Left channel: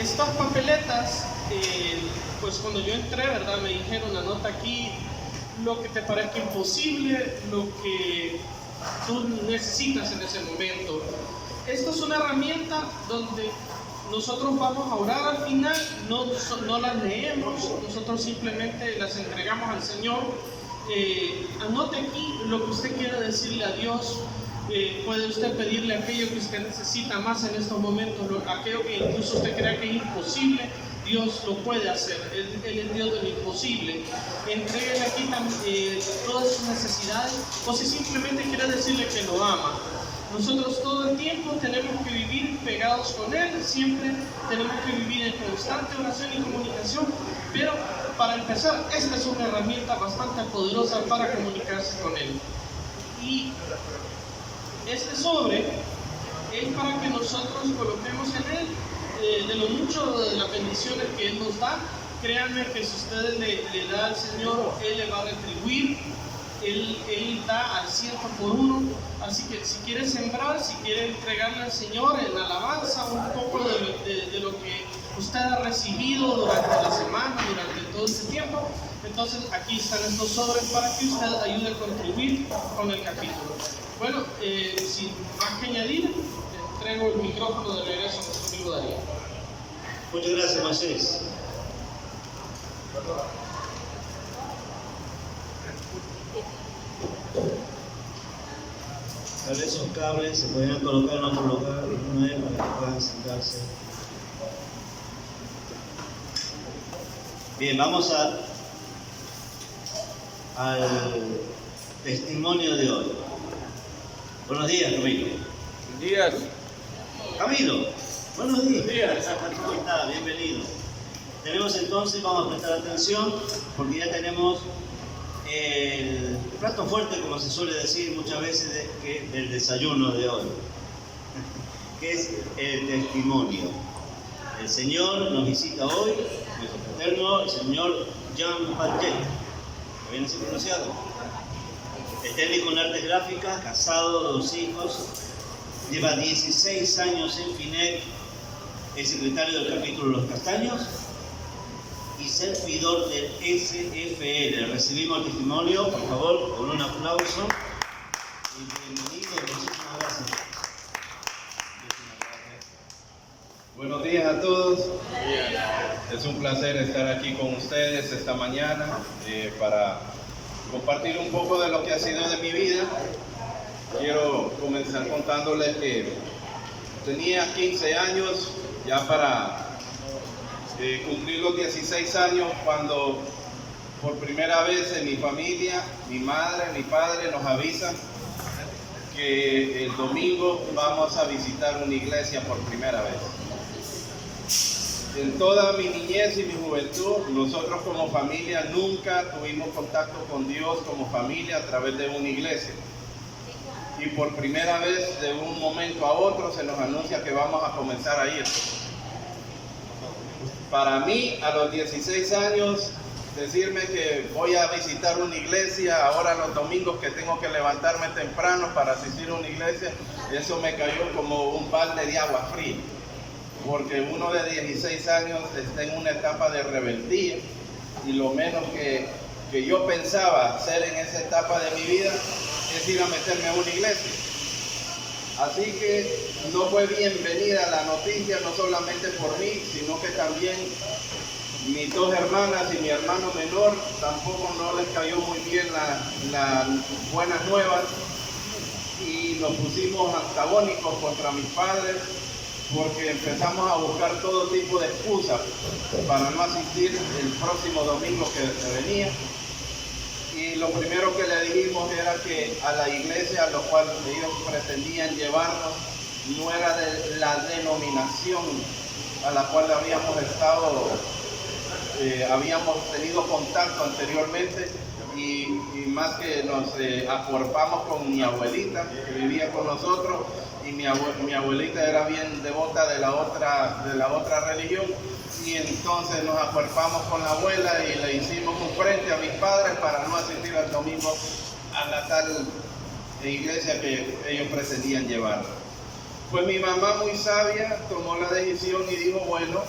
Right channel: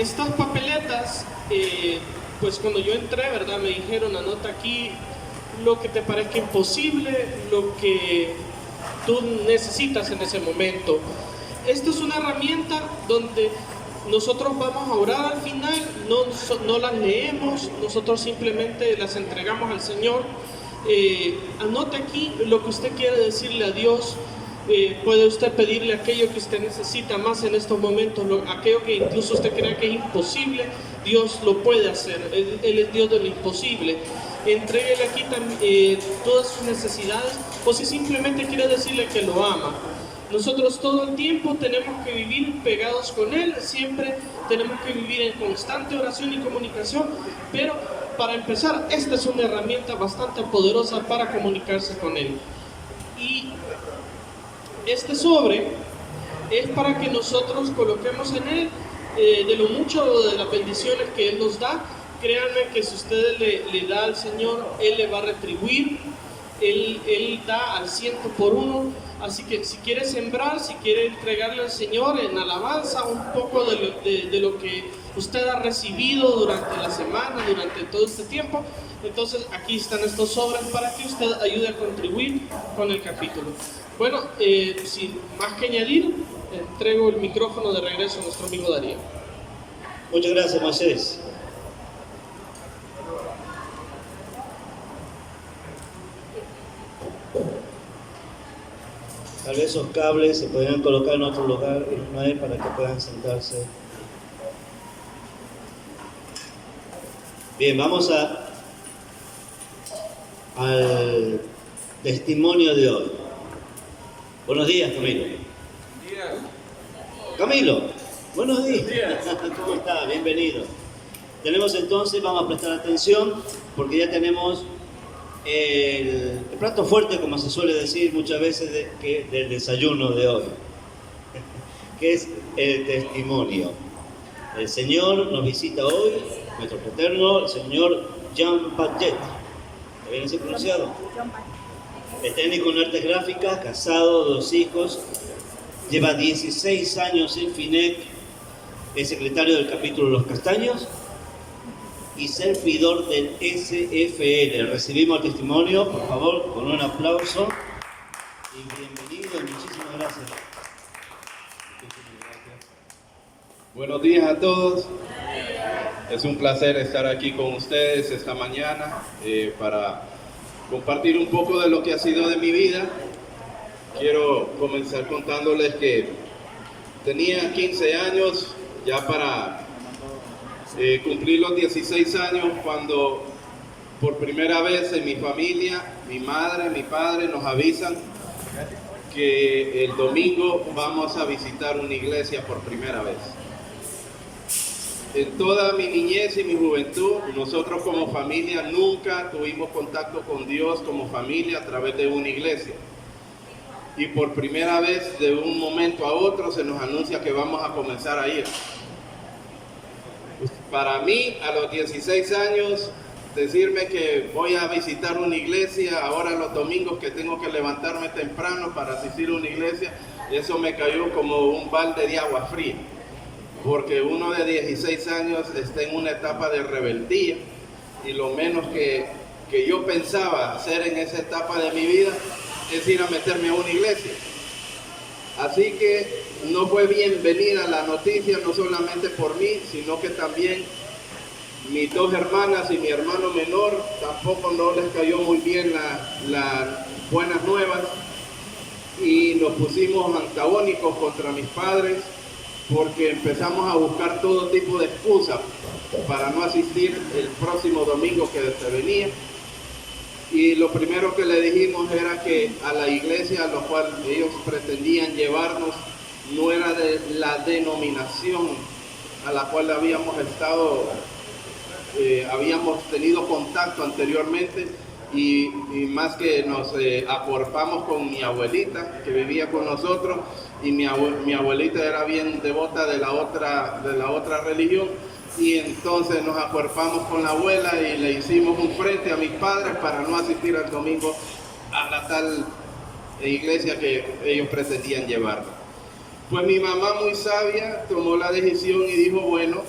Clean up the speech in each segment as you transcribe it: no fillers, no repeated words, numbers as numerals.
Estas papeletas, pues cuando yo entré, ¿verdad? Me dijeron, anota aquí lo que te parezca imposible, lo que tú necesitas en ese momento. Esta es una herramienta donde nosotros vamos a orar al final, no las leemos, nosotros simplemente las entregamos al Señor. Anote aquí lo que usted quiere decirle a Dios. Puede usted pedirle aquello que usted necesita más en estos momentos, aquello que incluso usted crea que es imposible, Dios lo puede hacer. Él es Dios de lo imposible. Entréguele aquí todas sus necesidades, o si simplemente quiere decirle que lo ama. Nosotros todo el tiempo tenemos que vivir pegados con Él, siempre tenemos que vivir en constante oración y comunicación, pero para empezar, esta es una herramienta bastante poderosa para comunicarse con Él. Y este sobre es para que nosotros coloquemos en él de lo mucho de las bendiciones que Él nos da. Créanme que si usted le da al Señor, Él le va a retribuir. Él da al 100 por uno. Así que si quiere sembrar, si quiere entregarle al Señor en alabanza un poco de lo que usted ha recibido durante la semana, durante todo este tiempo, entonces aquí están estos sobres para que usted ayude a contribuir con el capítulo. Bueno, sin más que añadir, entrego el micrófono de regreso a nuestro amigo Darío. Muchas gracias, Moisés. Tal vez esos cables se podrían colocar en otro lugar una vez para que puedan sentarse. Bien, vamos al testimonio de hoy. Buenos días, Camilo. Buenos días. Camilo, buenos días. Buenos días. ¿Cómo está? Bienvenido. Tenemos entonces, vamos a prestar atención, porque ya tenemos el plato fuerte, como se suele decir muchas veces, del desayuno de hoy, que es el testimonio. El Señor nos visita hoy, nuestro paterno, el señor Jean Paget. ¿Está bien así pronunciado? Es técnico en artes gráficas, casado, 2 hijos, lleva 16 años en FINEC, es secretario del capítulo Los Castaños y servidor del SFL. Recibimos el testimonio, por favor, con un aplauso. Y bienvenido, muchísimas gracias. Buenos días a todos. Es un placer estar aquí con ustedes esta mañana para compartir un poco de lo que ha sido de mi vida. Quiero comenzar contándoles que tenía 15 años ya para cumplir los 16 años cuando por primera vez en mi familia, mi madre, mi padre nos avisan que el domingo vamos a visitar una iglesia por primera vez. En toda mi niñez y mi juventud, nosotros como familia nunca tuvimos contacto con Dios como familia a través de una iglesia. Y por primera vez, de un momento a otro, se nos anuncia que vamos a comenzar a ir. Para mí, a los 16 años, decirme que voy a visitar una iglesia, ahora los domingos que tengo que levantarme temprano para asistir a una iglesia, eso me cayó como un balde de agua fría. Porque uno de 16 años está en una etapa de rebeldía y lo menos que yo pensaba hacer en esa etapa de mi vida es ir a meterme a una iglesia. Así que no fue bienvenida la noticia, no solamente por mí, sino que también mis 2 hermanas y mi hermano menor tampoco no les cayó muy bien las buenas nuevas y nos pusimos antagónicos contra mis padres, porque empezamos a buscar todo tipo de excusas para no asistir el próximo domingo que se venía. Y lo primero que le dijimos era que a la iglesia a la cual ellos pretendían llevarnos no era de la denominación a la cual habíamos tenido contacto anteriormente, y más que nos acuerpamos con mi abuelita que vivía con nosotros, y mi abuelita era bien devota de la otra religión, y entonces nos acuerpamos con la abuela y le hicimos un frente a mis padres para no asistir al domingo a la tal iglesia que ellos pretendían llevar. Pues mi mamá, muy sabia, tomó la decisión y dijo, bueno,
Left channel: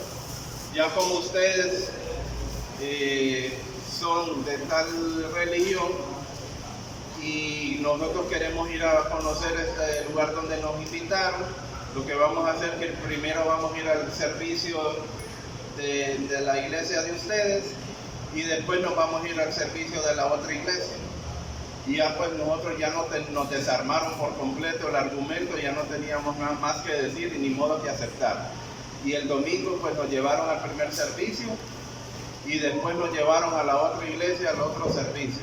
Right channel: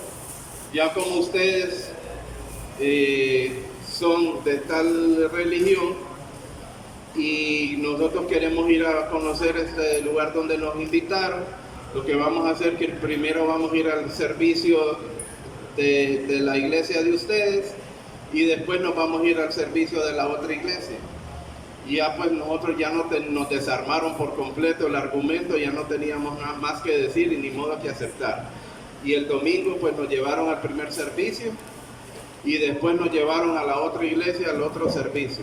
Ya como ustedes son de tal religión y nosotros queremos ir a conocer este lugar donde nos invitaron, lo que vamos a hacer es que primero vamos a ir al servicio de la iglesia de ustedes y después nos vamos a ir al servicio de la otra iglesia. Y ya pues nosotros ya nos desarmaron por completo el argumento, ya no teníamos nada más que decir y ni modo que aceptar. Y el domingo pues nos llevaron al primer servicio y después nos llevaron a la otra iglesia, al otro servicio.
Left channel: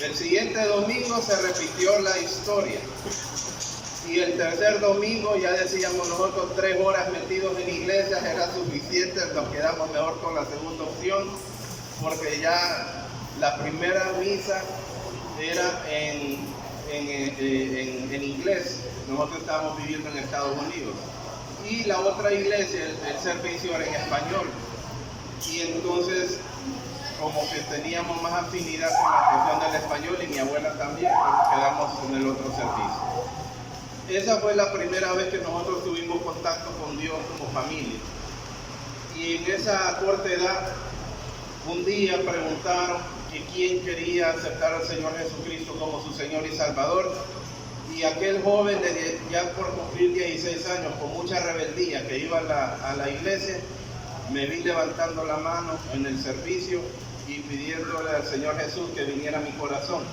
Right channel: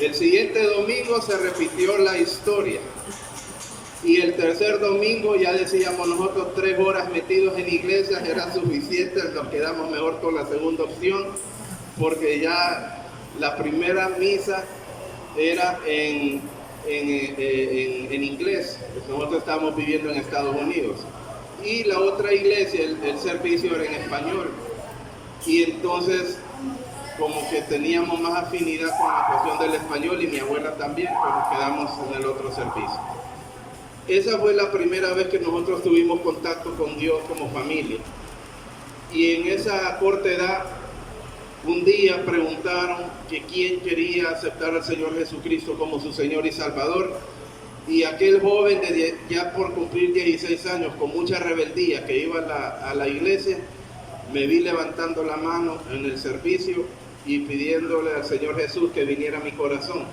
El siguiente domingo se repitió la historia. Y el tercer domingo ya decíamos nosotros 3 horas metidos en iglesias era suficiente, nos quedamos mejor con la segunda opción, porque ya la primera misa era en inglés, nosotros estábamos viviendo en Estados Unidos, y la otra iglesia, el servicio era en español, y entonces como que teníamos más afinidad con la cuestión del español y mi abuela también, pues nos quedamos en el otro servicio. Esa fue la primera vez que nosotros tuvimos contacto con Dios como familia. Y en esa corta edad, un día preguntaron que quién quería aceptar al Señor Jesucristo como su Señor y Salvador. Y aquel joven, ya por cumplir 16 años, con mucha rebeldía, que iba a la iglesia, me vi levantando la mano en el servicio y pidiéndole al Señor Jesús que viniera a mi corazón.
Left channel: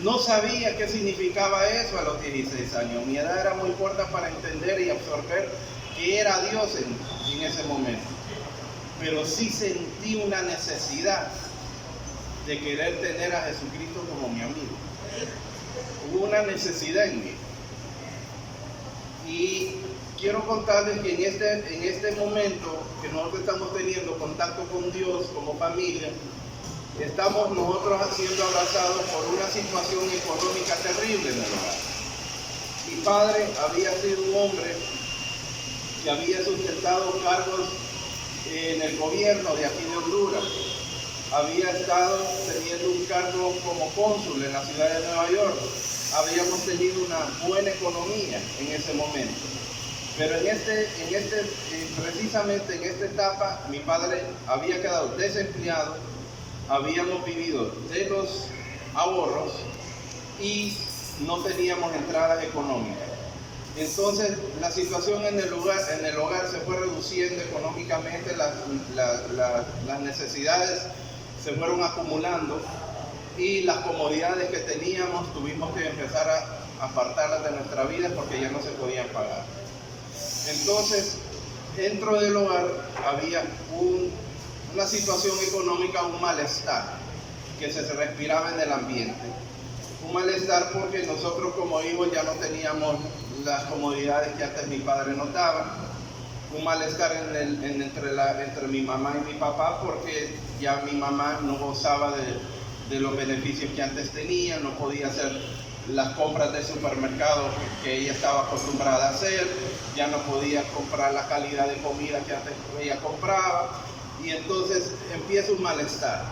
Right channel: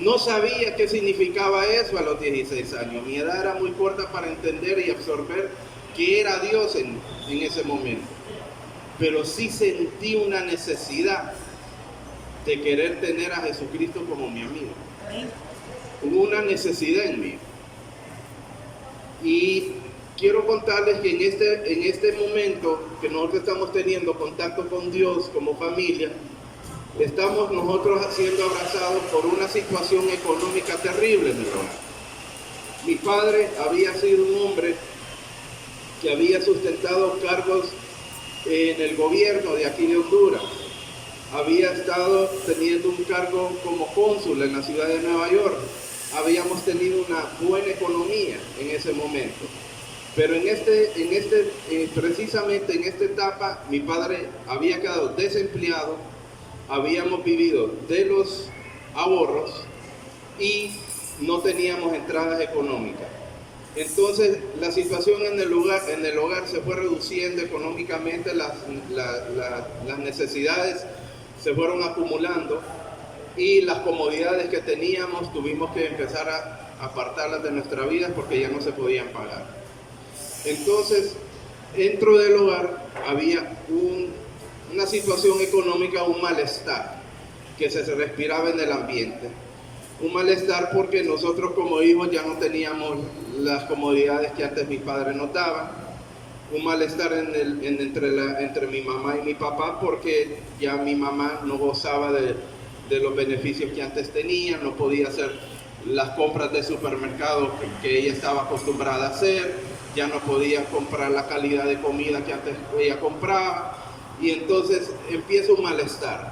No sabía qué significaba eso a los 16 años. Mi edad era muy corta para entender y absorber qué era Dios en ese momento. Pero sí sentí una necesidad de querer tener a Jesucristo como mi amigo. Hubo una necesidad en mí. Y quiero contarles que en este momento que nosotros estamos teniendo contacto con Dios como familia, estamos nosotros siendo abrazados por una situación económica terrible en el hogar. Mi padre había sido un hombre que había sustentado cargos en el gobierno de aquí de Honduras. Había estado teniendo un cargo como cónsul en la ciudad de Nueva York. Habíamos tenido una buena economía en ese momento. Pero precisamente en esta etapa, mi padre había quedado desempleado. Habíamos vivido de los ahorros y no teníamos entradas económicas. Entonces la situación en el hogar se fue reduciendo económicamente, las necesidades se fueron acumulando y las comodidades que teníamos tuvimos que empezar a apartarlas de nuestra vida porque ya no se podían pagar. Entonces dentro del hogar había una situación económica, un malestar que se respiraba en el ambiente. Un malestar porque nosotros como hijos ya no teníamos las comodidades que antes mi padre nos daba. Un malestar entre mi mamá y mi papá porque ya mi mamá no gozaba de los beneficios que antes tenía, no podía hacer las compras de supermercado que ella estaba acostumbrada a hacer, ya no podía comprar la calidad de comida que antes ella compraba. Y entonces empieza un malestar.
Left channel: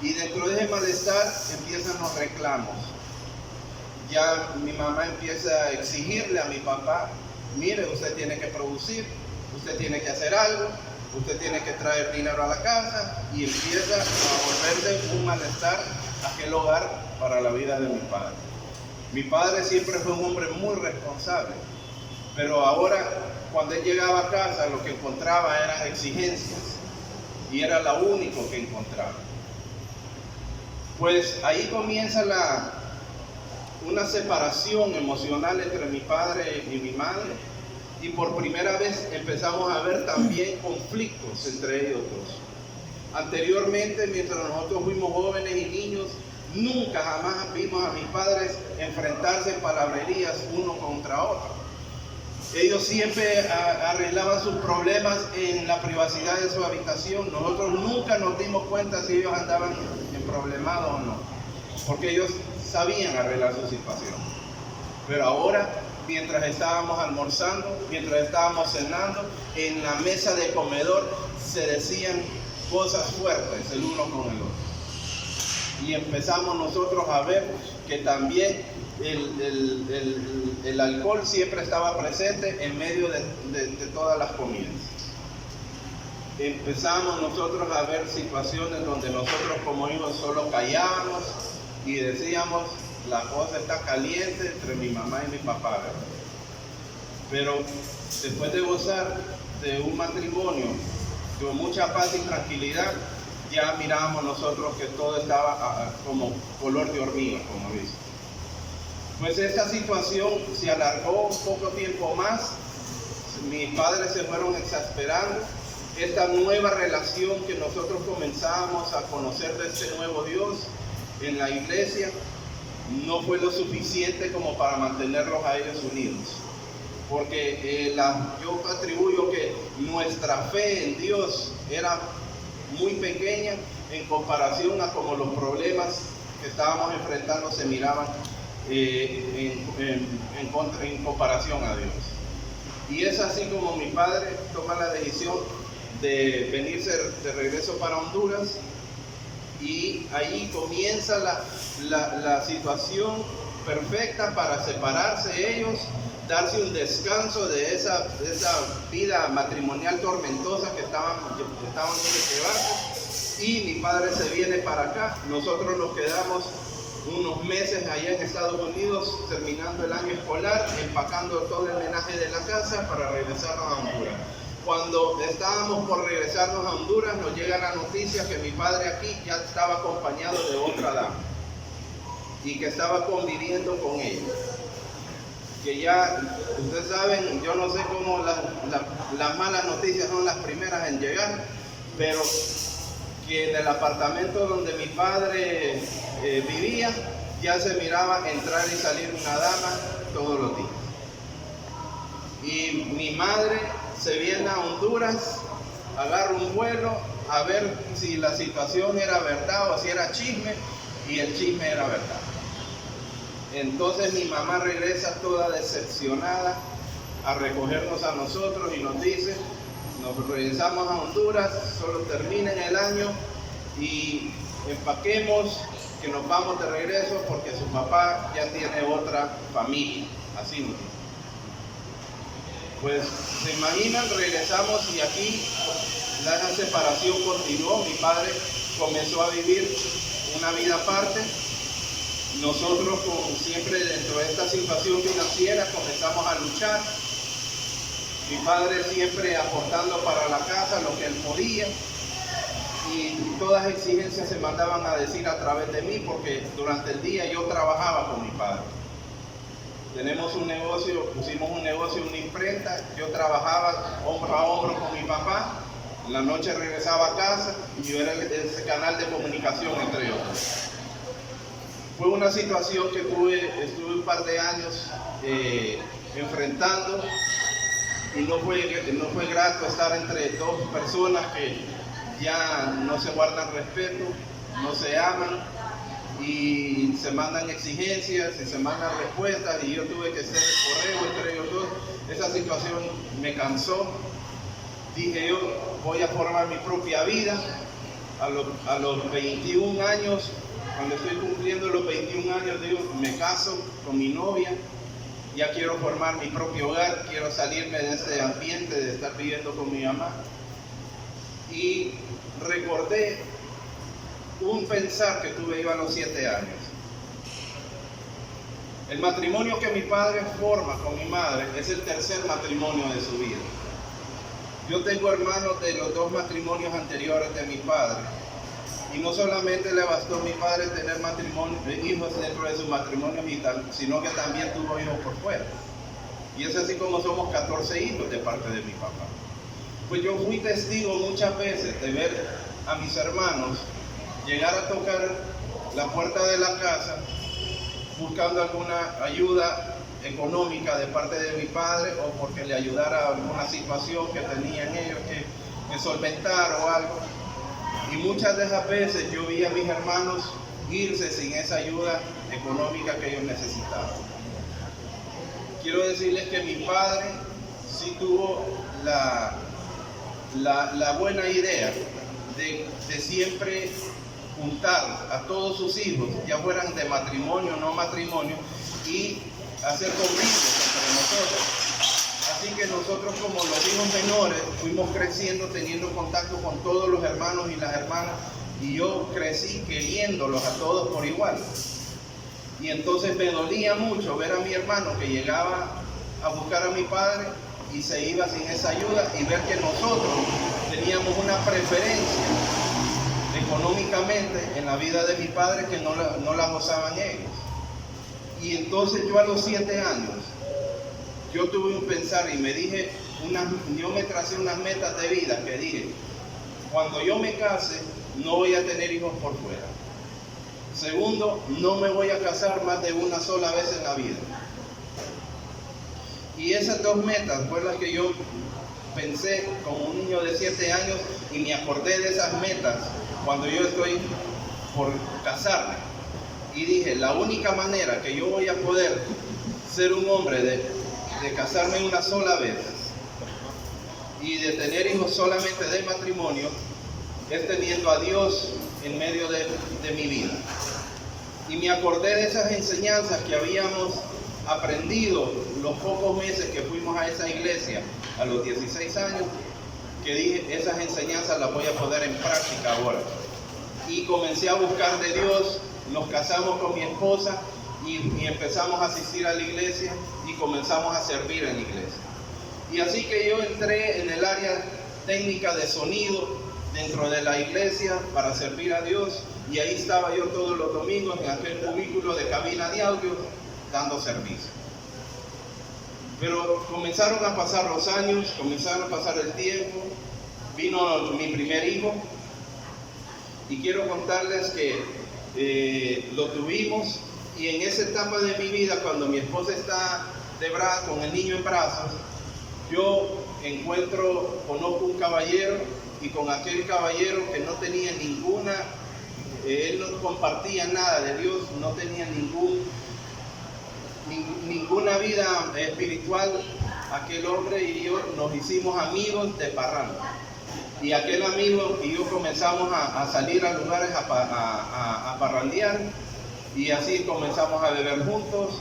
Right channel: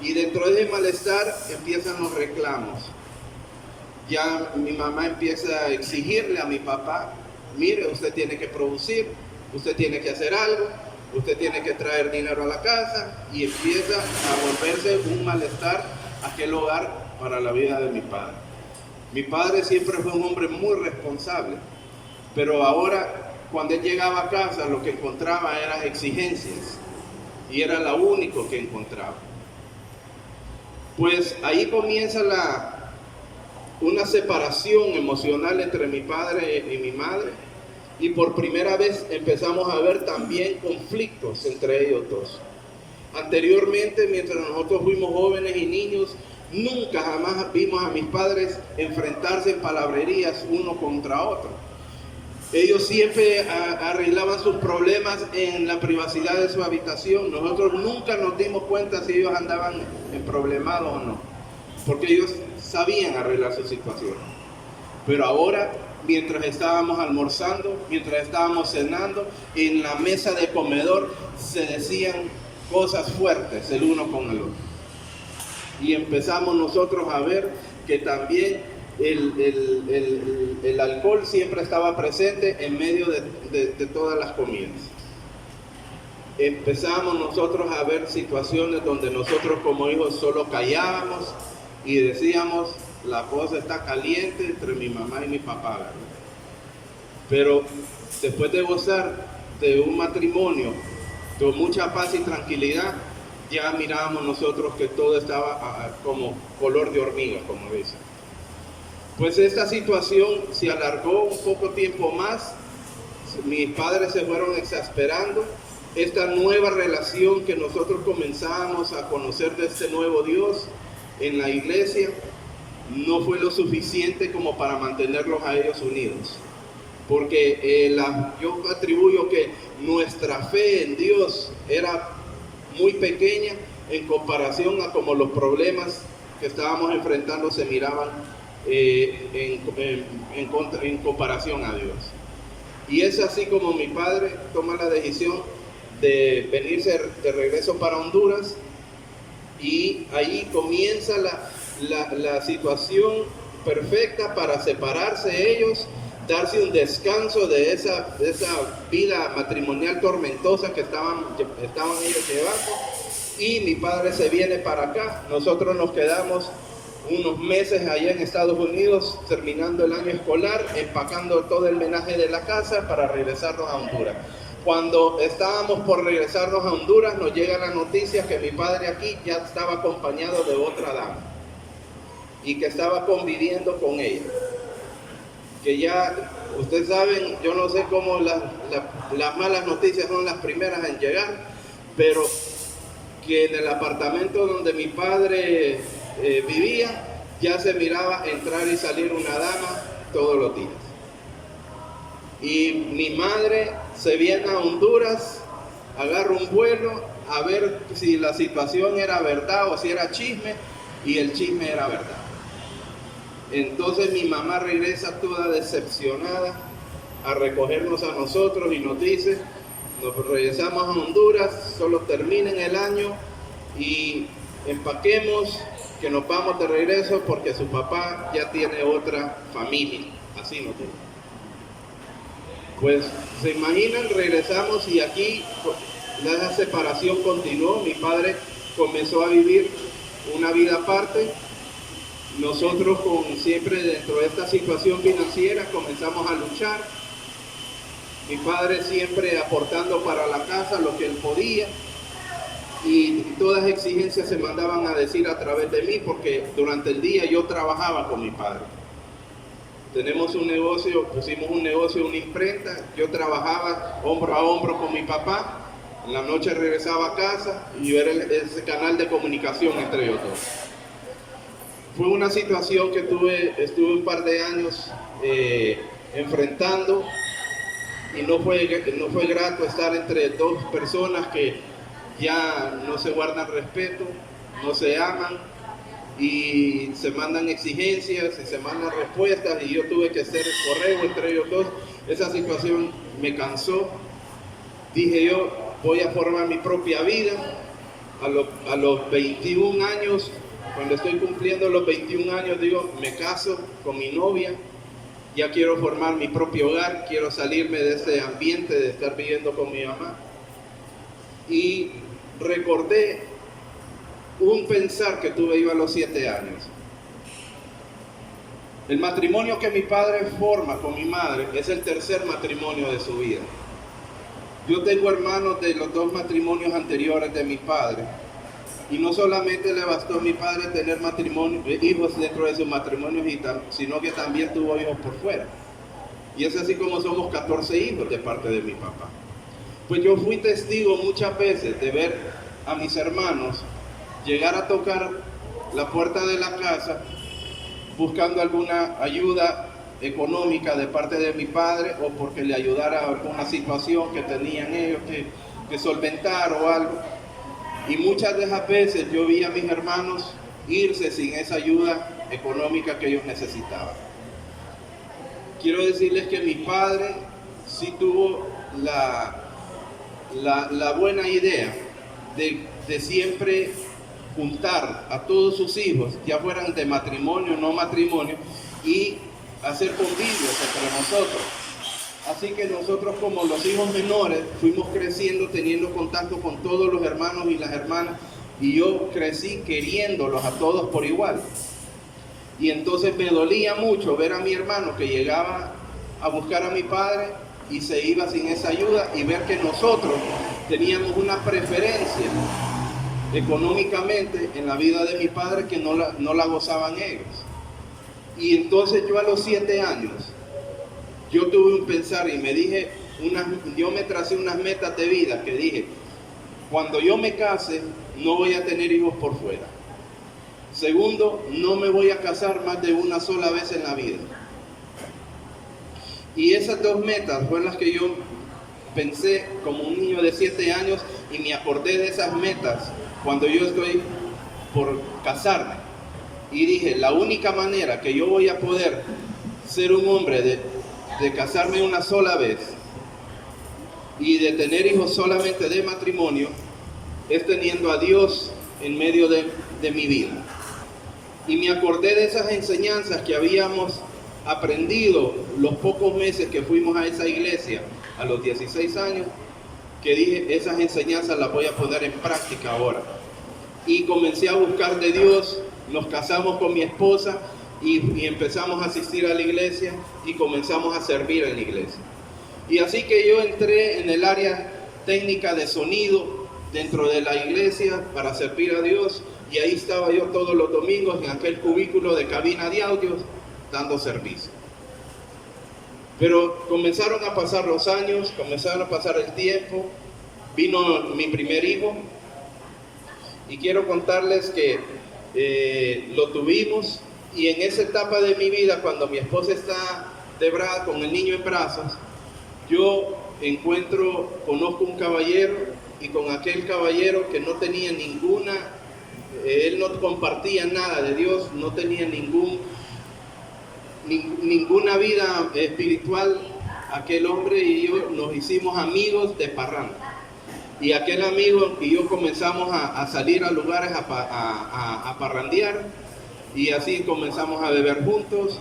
Y dentro de ese malestar empiezan los reclamos. Ya mi mamá empieza a exigirle a mi papá, mire, usted tiene que producir, usted tiene que hacer algo, usted tiene que traer dinero a la casa. Y empieza a volverse un malestar aquel hogar para la vida de mi padre. Mi padre siempre fue un hombre muy responsable, pero ahora cuando él llegaba a casa lo que encontraba eran exigencias. Y era lo único que encontraba. Pues ahí comienza una separación emocional entre mi padre y mi madre. Y por primera vez empezamos a ver también conflictos entre ellos dos. Anteriormente, mientras nosotros fuimos jóvenes y niños, nunca jamás vimos a mis padres enfrentarse en palabrerías uno contra otro. Ellos siempre arreglaban sus problemas en la privacidad de su habitación. Nosotros nunca nos dimos cuenta si ellos andaban emproblemados o no, porque ellos sabían arreglar su situación. Pero ahora, mientras estábamos almorzando, mientras estábamos cenando, en la mesa de comedor se decían cosas fuertes el uno con el otro. Y empezamos nosotros a ver que también el alcohol siempre estaba presente en medio de todas las comidas. empezamos nosotros a ver situaciones donde nosotros como hijos solo callábamos y decíamos, la cosa está caliente entre mi mamá y mi papá, ¿verdad? Pero después de gozar de un matrimonio con mucha paz y tranquilidad, ya mirábamos nosotros que todo estaba como color de hormiga, como dicen. Pues esta situación se alargó un poco tiempo más, mis padres se fueron exasperando, esta nueva relación que nosotros comenzábamos a conocer de este nuevo Dios en la iglesia, no fue lo suficiente como para mantenerlos a ellos unidos. Porque yo atribuyo que nuestra fe en Dios era muy pequeña en comparación a como los problemas que estábamos enfrentando se miraban en comparación a Dios. Y es así como mi padre toma la decisión de venirse de regreso para Honduras, y ahí comienza la situación perfecta para separarse ellos, darse un descanso de esa vida matrimonial tormentosa que estaban ellos llevando. Y mi padre se viene para acá, nosotros nos quedamos unos meses allá en Estados Unidos, terminando el año escolar, empacando todo el menaje de la casa para regresarnos a Honduras. Cuando estábamos por regresarnos a Honduras, nos llega la noticia que mi padre aquí ya estaba acompañado de otra dama y que estaba conviviendo con ella. Que ya, ustedes saben, yo no sé cómo las malas noticias son las primeras en llegar, pero que en el apartamento donde mi padre vivía, ya se miraba entrar y salir una dama todos los días. Y mi madre se viene a Honduras, agarra un vuelo a ver si la situación era verdad o si era chisme, y el chisme era verdad. Entonces mi mamá regresa toda decepcionada a recogernos a nosotros y nos dice, nos regresamos a Honduras, solo terminen el año y empaquemos que nos vamos de regreso porque su papá ya tiene otra familia. Así nos dice. Pues se imaginan, regresamos y aquí la separación continuó. Mi padre comenzó a vivir una vida aparte. Nosotros, siempre dentro de esta situación financiera, comenzamos a luchar. Mi padre siempre aportando para la casa lo que él podía, y todas las exigencias se mandaban a decir a través de mí, porque durante el día yo trabajaba con mi padre. Tenemos un negocio, pusimos un negocio, una imprenta, yo trabajaba hombro a hombro con mi papá, en la noche regresaba a casa y yo era ese canal de comunicación entre ellos dos. Fue una situación que estuve un par de años enfrentando, y no fue grato estar entre dos personas que ya no se guardan respeto, no se aman y se mandan exigencias y se mandan respuestas, y yo tuve que hacer el correo entre ellos dos. Esa situación me cansó. Dije yo, voy a formar mi propia vida. A los 21 años, cuando estoy cumpliendo los 21 años, digo, me caso con mi novia, ya quiero formar mi propio hogar, quiero salirme de ese ambiente de estar viviendo con mi mamá. Y recordé un pensar que tuve yo a los 7 años. El matrimonio que mi padre forma con mi madre es el tercer matrimonio de su vida. Yo tengo hermanos de los 2 matrimonios anteriores de mi padre, y no solamente le bastó a mi padre tener hijos dentro de sus matrimonios, sino que también tuvo hijos por fuera. Y es así como somos 14 hijos de parte de mi papá. Pues yo fui testigo muchas veces de ver a mis hermanos llegar a tocar la puerta de la casa buscando alguna ayuda económica de parte de mi padre, o porque le ayudara a alguna situación que tenían ellos que solventar o algo. Y muchas de esas veces yo vi a mis hermanos irse sin esa ayuda económica que ellos necesitaban. Quiero decirles que mi padre sí tuvo la buena idea de siempre juntar a todos sus hijos, ya fueran de matrimonio o no matrimonio, y hacer convivios entre nosotros. Así que nosotros, como los hijos menores, fuimos creciendo, teniendo contacto con todos los hermanos y las hermanas, y yo crecí queriéndolos a todos por igual. Y entonces me dolía mucho ver a mi hermano que llegaba a buscar a mi padre y se iba sin esa ayuda, y ver que nosotros teníamos una preferencia económicamente en la vida de mi padre que no la gozaban ellos. Y entonces yo a los 7 años, yo tuve un pensar y me dije, yo me tracé unas metas de vida que dije, cuando yo me case, no voy a tener hijos por fuera. Segundo, no me voy a casar más de una sola vez en la vida. Y esas 2 metas fueron las que yo pensé como un niño de 7 años, y me acordé de esas metas cuando yo estoy por casarme. Y dije, la única manera que yo voy a poder ser un hombre de casarme una sola vez y de tener hijos solamente de matrimonio es teniendo a Dios en medio de mi vida. Y me acordé de esas enseñanzas que habíamos aprendido los pocos meses que fuimos a esa iglesia a los 16 años, que dije, esas enseñanzas las voy a poner en práctica ahora. Y comencé a buscar de Dios, nos casamos con mi esposa y empezamos a asistir a la iglesia y comenzamos a servir en la iglesia. Y así que yo entré en el área técnica de sonido dentro de la iglesia para servir a Dios, y ahí estaba yo todos los domingos en aquel cubículo de cabina de audio dando servicio. Pero comenzaron a pasar los años, comenzaron a pasar el tiempo, vino mi primer hijo, y quiero contarles que lo tuvimos, y en esa etapa de mi vida, cuando mi esposa está con el niño en brazos, yo conozco un caballero, y con aquel caballero que no tenía él no compartía nada de Dios, no tenía ninguna vida espiritual, aquel hombre y yo nos hicimos amigos de parranda. Y aquel amigo y yo comenzamos a salir a lugares a parrandear, y así comenzamos a beber juntos,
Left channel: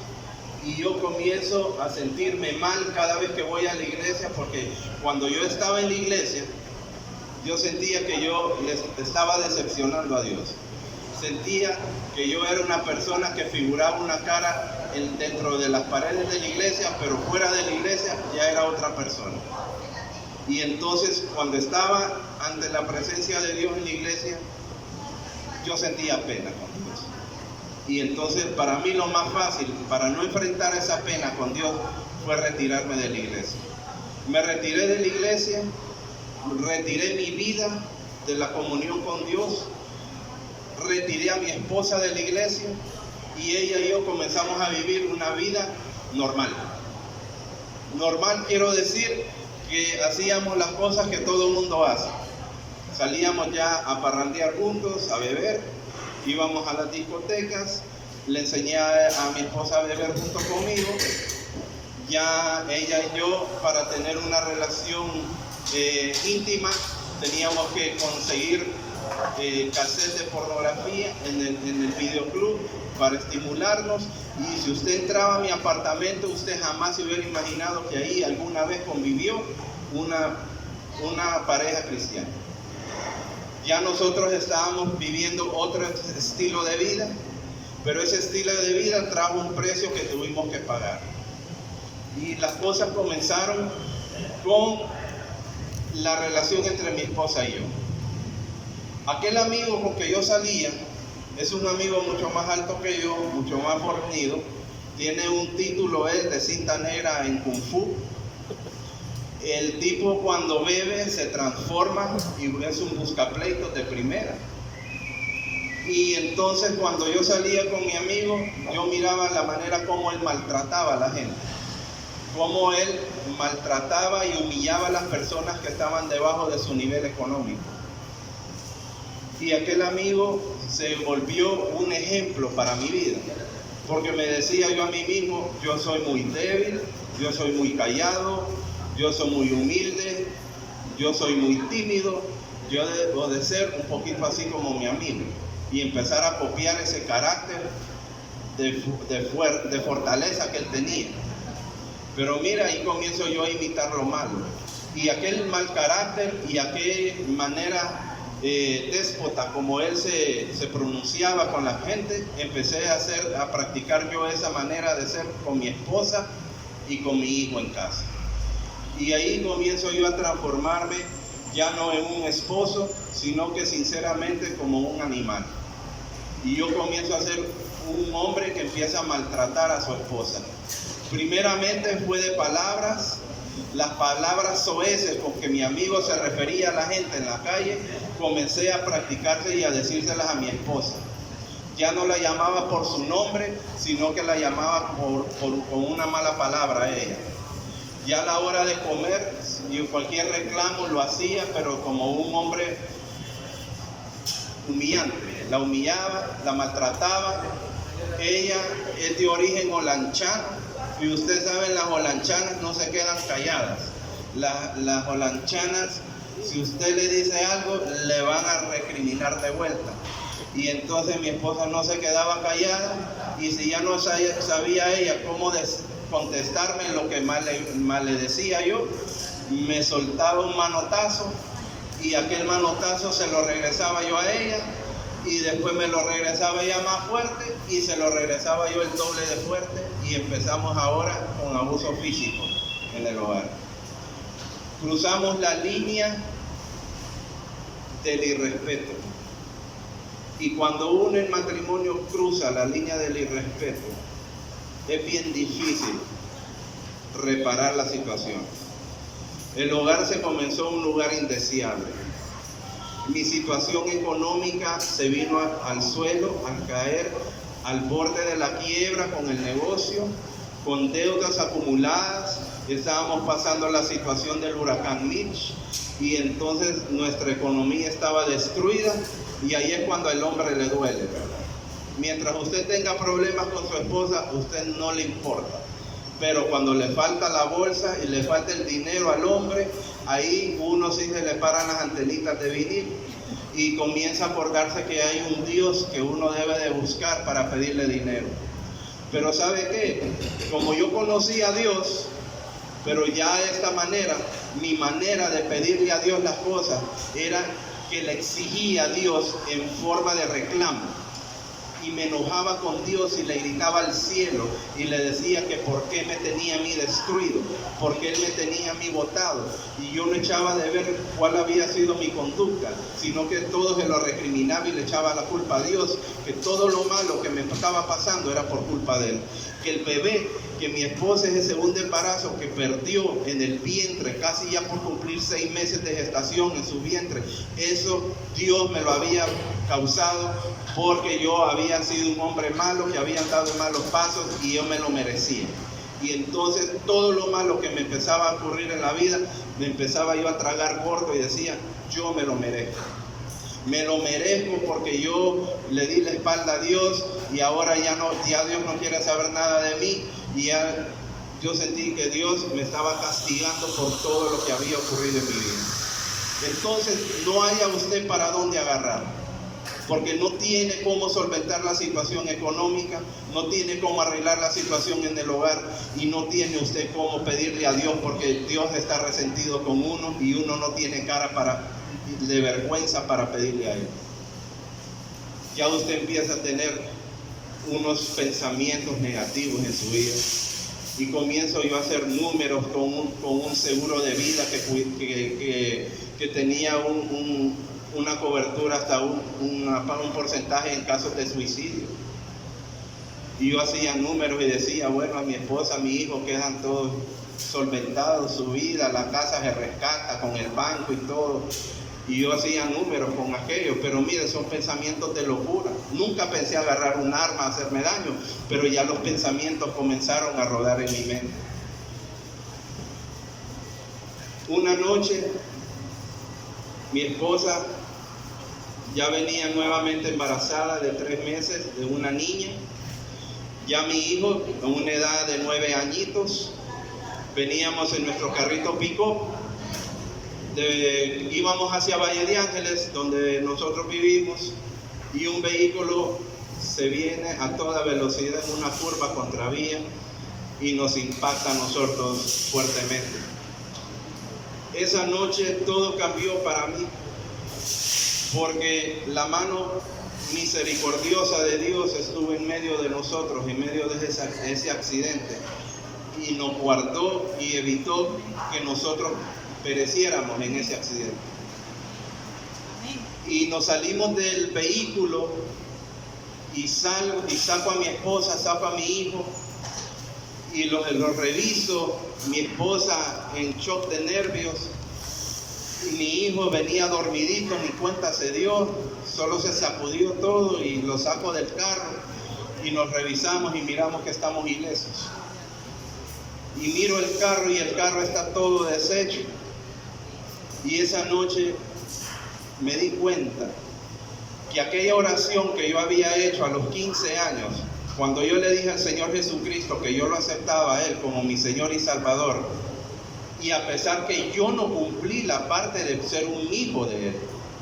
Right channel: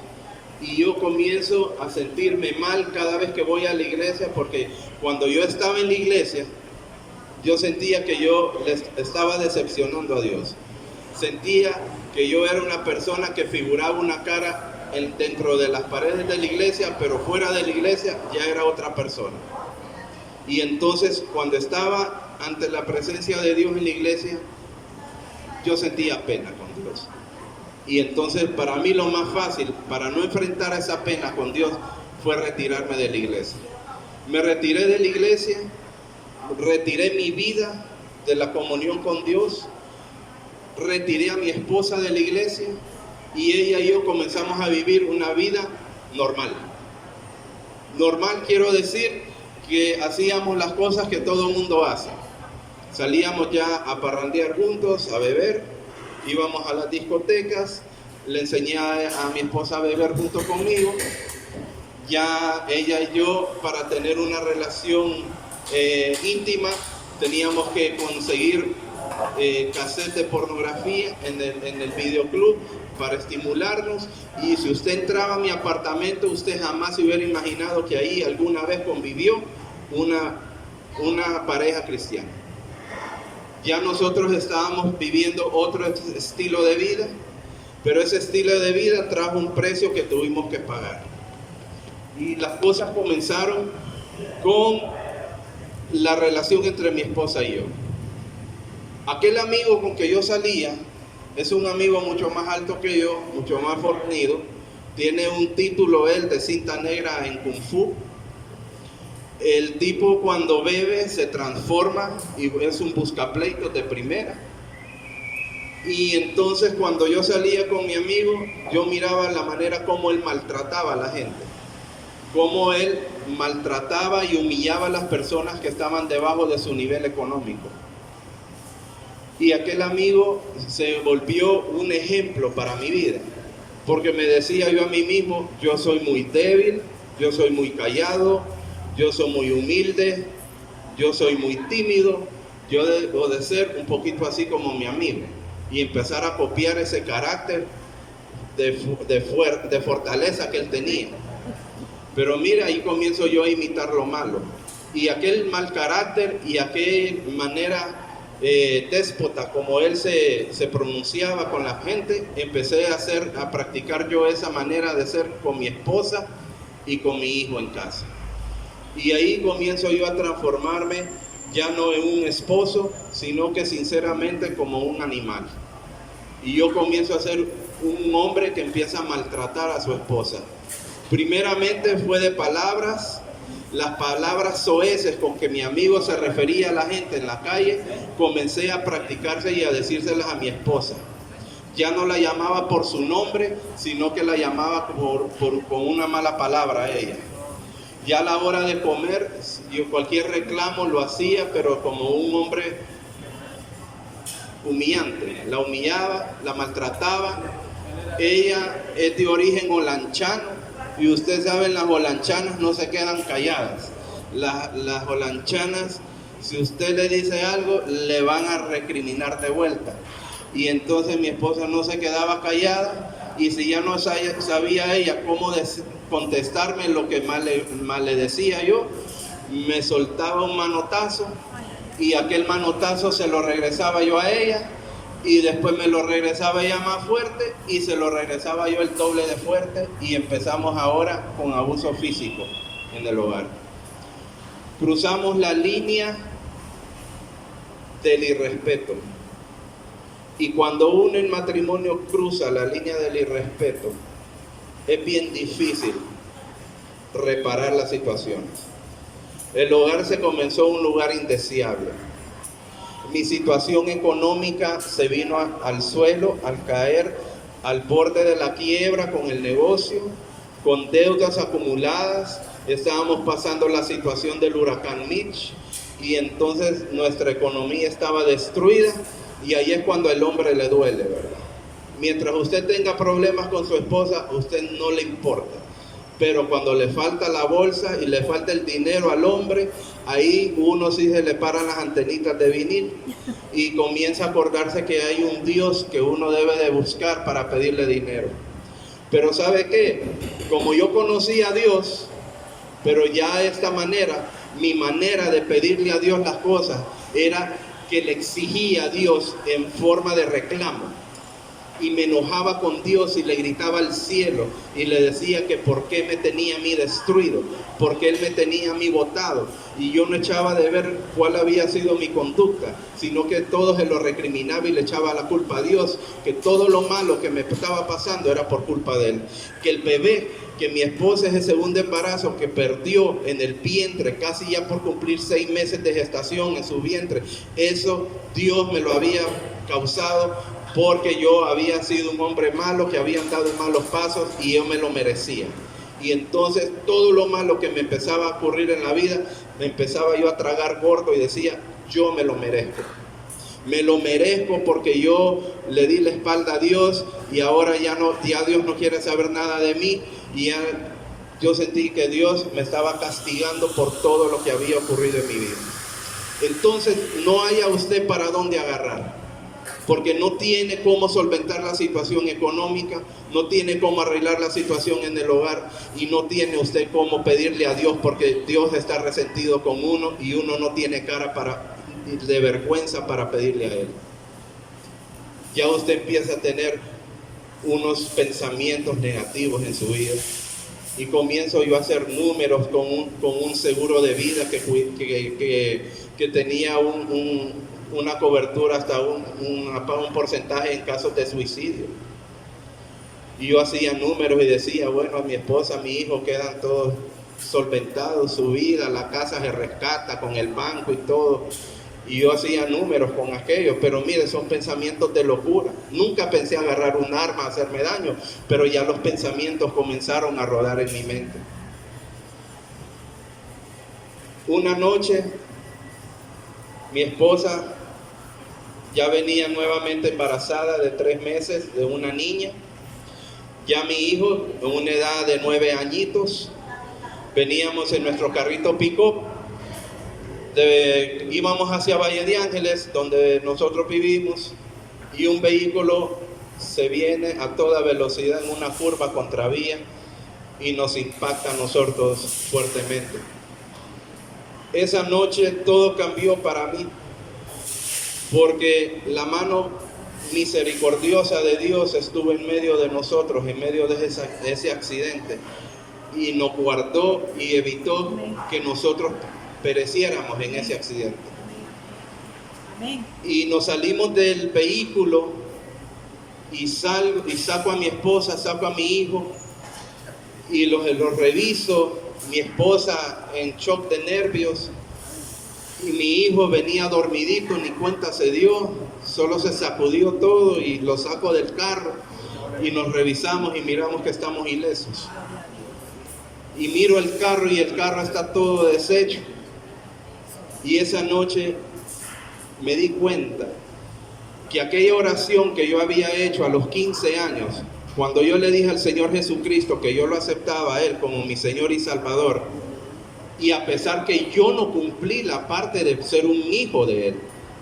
y yo comienzo a sentirme mal cada vez que voy a la iglesia, porque cuando yo estaba en la iglesia, yo sentía que yo les estaba decepcionando a Dios. Sentía que yo era una persona que figuraba una cara dentro de las paredes de la iglesia, pero fuera de la iglesia ya era otra persona. Y entonces, cuando estaba ante la presencia de Dios en la iglesia, yo sentía pena con Dios. Y entonces, para mí lo más fácil, para no enfrentar esa pena con Dios, fue retirarme de la iglesia. Me retiré de la iglesia, retiré mi vida de la comunión con Dios, retiré a mi esposa de la iglesia, y ella y yo comenzamos a vivir una vida normal. Normal quiero decir que hacíamos las cosas que todo el mundo hace. Salíamos ya a parrandear juntos, a beber, íbamos a las discotecas, le enseñé a mi esposa a beber junto conmigo. Ya ella y yo, para tener una relación íntima, teníamos que conseguir cassettes de pornografía en el videoclub para estimularnos. Y si usted entraba a mi apartamento, usted jamás se hubiera imaginado que ahí alguna vez convivió una pareja cristiana. Ya nosotros estábamos viviendo otro estilo de vida, pero ese estilo de vida trajo un precio que tuvimos que pagar. Y las cosas comenzaron con la relación entre mi esposa y yo. Aquel amigo con que yo salía es un amigo mucho más alto que yo, mucho más fornido. Tiene un título él de cinta negra en Kung Fu. El tipo cuando bebe se transforma y es un buscapleitos de primera. Y entonces cuando yo salía con mi amigo, yo miraba la manera como él maltrataba a la gente, cómo él maltrataba y humillaba a las personas que estaban debajo de su nivel económico. Y aquel amigo se volvió un ejemplo para mi vida, porque me decía yo a mí mismo, yo soy muy débil, yo soy muy callado, yo soy muy humilde, yo soy muy tímido, yo debo de ser un poquito así como mi amigo, y empezar a copiar ese carácter de fortaleza que él tenía. Pero mira, ahí comienzo yo a imitar lo malo. Y aquel mal carácter y aquella manera déspota como él se pronunciaba con la gente, empecé a practicar yo esa manera de ser con mi esposa y con mi hijo en casa. Y ahí comienzo yo a transformarme ya no en un esposo, sino que sinceramente como un animal. Y yo comienzo a ser un hombre que empieza a maltratar a su esposa. Primeramente fue de palabras, las palabras soeces con que mi amigo se refería a la gente en la calle, comencé a practicarse y a decírselas a mi esposa. Ya no la llamaba por su nombre, sino que la llamaba con una mala palabra a ella. Ya a la hora de comer, yo cualquier reclamo lo hacía, pero como un hombre humillante. La humillaba, la maltrataba. Ella es de origen holanchano. Y ustedes saben, las holanchanas no se quedan calladas. Las holanchanas, si usted le dice algo, le van a recriminar de vuelta. Y entonces mi esposa no se quedaba callada, y si ya no sabía ella cómo contestarme lo que mal le decía yo, me soltaba un manotazo, y aquel manotazo se lo regresaba yo a ella, y después me lo regresaba ella más fuerte, y se lo regresaba yo el doble de fuerte, y empezamos ahora con abuso físico en el hogar. Cruzamos la línea del irrespeto, y cuando uno en matrimonio cruza la línea del irrespeto, es bien difícil reparar la situación. El hogar se comenzó un lugar indeseable. Mi situación económica se vino al suelo, al caer, al borde de la quiebra con el negocio, con deudas acumuladas. Estábamos pasando la situación del huracán Mitch, y entonces nuestra economía estaba destruida, y ahí es cuando al hombre le duele, ¿verdad? Mientras usted tenga problemas con su esposa, a usted no le importa. Pero cuando le falta la bolsa y le falta el dinero al hombre, ahí uno sí se le paran las antenitas de vinil y comienza a acordarse que hay un Dios que uno debe de buscar para pedirle dinero. Pero ¿sabe qué? Como yo conocí a Dios, pero ya de esta manera, mi manera de pedirle a Dios las cosas era que le exigía a Dios en forma de reclamo. Y me enojaba con Dios y le gritaba al cielo y le decía que por qué me tenía a mí destruido, por qué Él me tenía a mí botado. Y yo no echaba de ver cuál había sido mi conducta, sino que todo se lo recriminaba y le echaba la culpa a Dios, que todo lo malo que me estaba pasando era por culpa de Él. Que el bebé, que mi esposa, ese segundo embarazo que perdió en el vientre, casi ya por cumplir 6 meses de gestación en su vientre, eso Dios me lo había causado porque yo había sido un hombre malo, que había andado en malos pasos, y yo me lo merecía. Y entonces todo lo malo que me empezaba a ocurrir en la vida, me empezaba yo a tragar gordo y decía, yo me lo merezco. Me lo merezco porque yo le di la espalda a Dios, y ahora ya Dios no quiere saber nada de mí, y ya yo sentí que Dios me estaba castigando por todo lo que había ocurrido en mi vida. Entonces no haya usted para dónde agarrar, porque no tiene cómo solventar la situación económica, no tiene cómo arreglar la situación en el hogar, y no tiene usted cómo pedirle a Dios, porque Dios está resentido con uno y uno no tiene cara de vergüenza para pedirle a Él. Ya usted empieza a tener unos pensamientos negativos en su vida, y comienzo yo a hacer números con un seguro de vida que tenía una cobertura hasta un porcentaje en casos de suicidio. Y yo hacía números y decía, bueno, a mi esposa, a mi hijo quedan todos solventados, su vida, la casa se rescata con el banco y todo. Y yo hacía números con aquello, pero mire, son pensamientos de locura. Nunca pensé agarrar un arma a hacerme daño, pero ya los pensamientos comenzaron a rodar en mi mente. Una noche, mi esposa ya venía nuevamente embarazada de 3 meses de una niña. Ya mi hijo, en una edad de 9 añitos, veníamos en nuestro carrito pick-up. Íbamos hacia Valle de Ángeles, donde nosotros vivimos, y un vehículo se viene a toda velocidad en una curva contravía y nos impacta a nosotros fuertemente. Esa noche todo cambió para mí, porque la mano misericordiosa de Dios estuvo en medio de nosotros, en medio de ese accidente, y nos guardó y evitó que nosotros pereciéramos en ese accidente. Y nos salimos del vehículo y saco a mi esposa, saco a mi hijo y los reviso. Mi esposa en shock de nervios y mi hijo venía dormidito, ni cuenta se dio, solo se sacudió todo y lo saco del carro y nos revisamos y miramos que estamos ilesos. Y miro el carro y el carro está todo deshecho. Y esa noche me di cuenta que aquella oración que yo había hecho a los 15 años, cuando yo le dije al Señor Jesucristo que yo lo aceptaba a Él como mi Señor y Salvador, y a pesar que yo no cumplí la parte de ser un hijo de Él,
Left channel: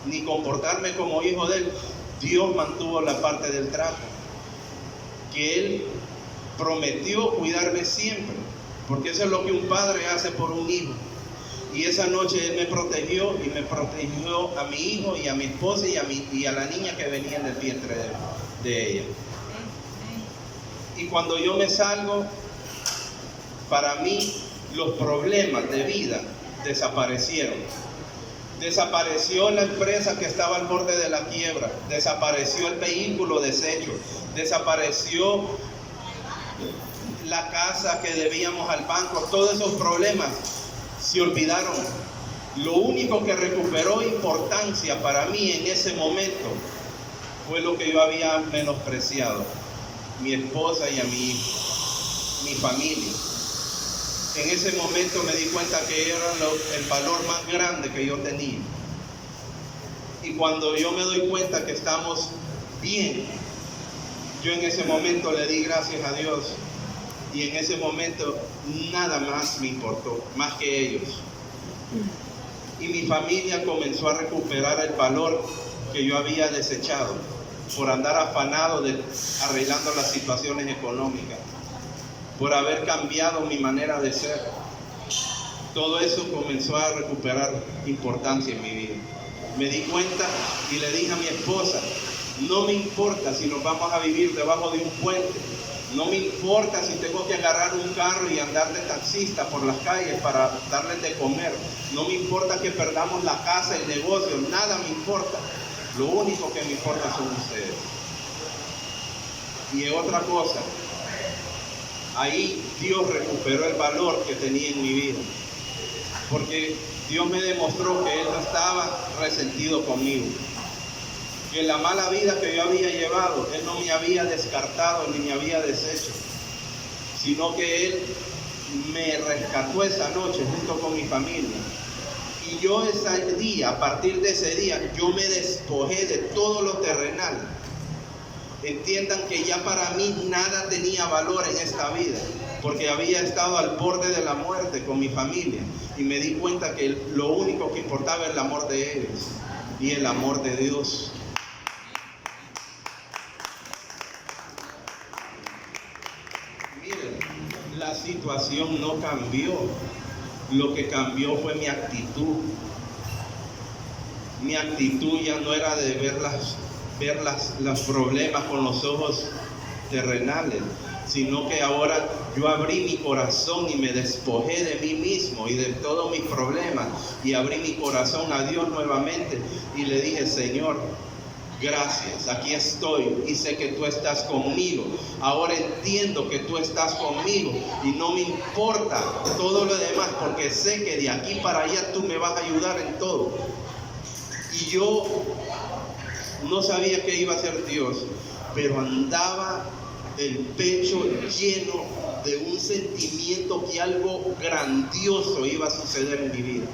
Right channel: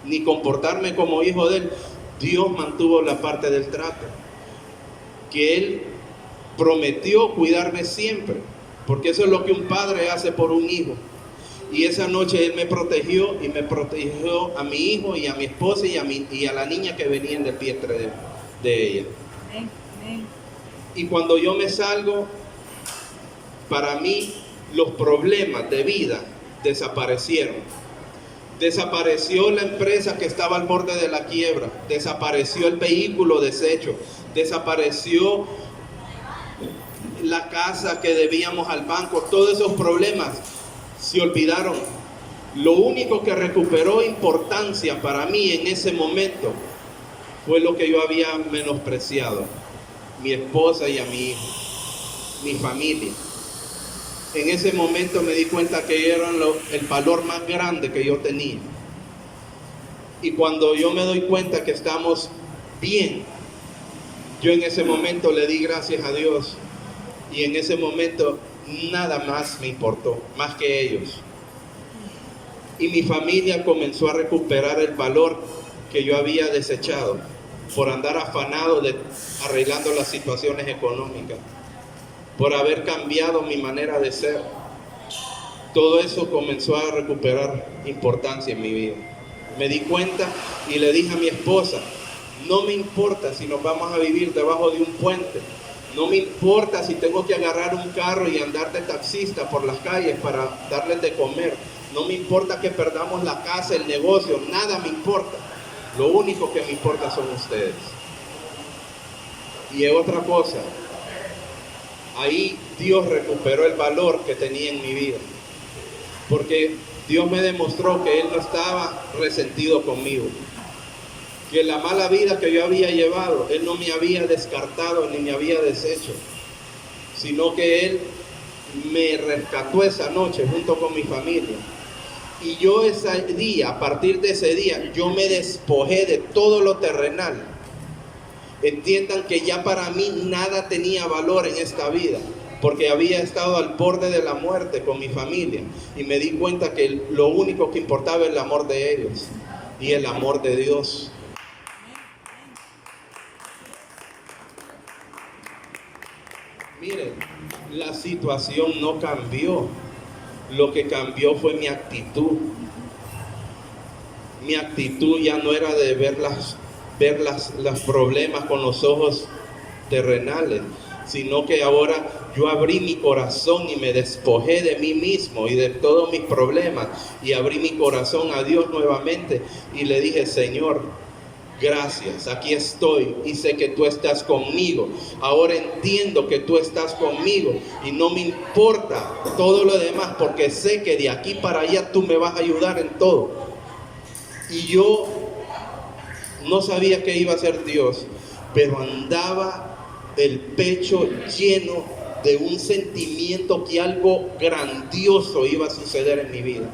ni comportarme como hijo de Él, Dios mantuvo la parte del trato, que Él prometió cuidarme siempre, porque eso es lo que un padre hace por un hijo. Y esa noche Él me protegió y me protegió a mi hijo y a mi esposa y a la niña que venía del vientre de ella. Y cuando yo me salgo, para mí los problemas de vida desaparecieron. Desapareció la empresa que estaba al borde de la quiebra, desapareció el vehículo deshecho, desapareció la casa que debíamos al banco. Todos esos problemas se olvidaron. Lo único que recuperó importancia para mí en ese momento fue lo que yo había menospreciado: mi esposa y a mi hijo, mi familia. En ese momento me di cuenta que eran el valor más grande que yo tenía. Y cuando yo me doy cuenta que estamos bien, yo en ese momento le di gracias a Dios. Y en ese momento nada más me importó, más que ellos. Y mi familia comenzó a recuperar el valor que yo había desechado por andar afanado arreglando las situaciones económicas, por haber cambiado mi manera de ser. Todo eso comenzó a recuperar importancia en mi vida. Me di cuenta y le dije a mi esposa: no me importa si nos vamos a vivir debajo de un puente, no me importa si tengo que agarrar un carro y andar de taxista por las calles para darles de comer, no me importa que perdamos la casa, el negocio, nada me importa. Lo único que me importa son ustedes. Y otra cosa, ahí Dios recuperó el valor que tenía en mi vida, porque Dios me demostró que Él no estaba resentido conmigo, que la mala vida que yo había llevado, Él no me había descartado ni me había deshecho, sino que Él me rescató esa noche junto con mi familia. Y yo ese día, a partir de ese día, yo me despojé de todo lo terrenal. Entiendan que ya para mí nada tenía valor en esta vida, porque había estado al borde de la muerte con mi familia. Y me di cuenta que lo único que importaba era el amor de ellos y el amor de Dios. Miren, la situación no cambió. Lo que cambió fue mi actitud. Mi actitud ya no era de ver los problemas con los ojos terrenales, sino que ahora yo abrí mi corazón y me despojé de mí mismo y de todos mis problemas, y abrí mi corazón a Dios nuevamente y le dije: Señor, gracias, aquí estoy y sé que tú estás conmigo. Ahora entiendo que tú estás conmigo y no me importa todo lo demás, porque sé que de aquí para allá tú me vas a ayudar en todo. Y yo no sabía qué iba a hacer Dios, pero andaba el pecho lleno de un sentimiento que algo grandioso iba a suceder en mi vida.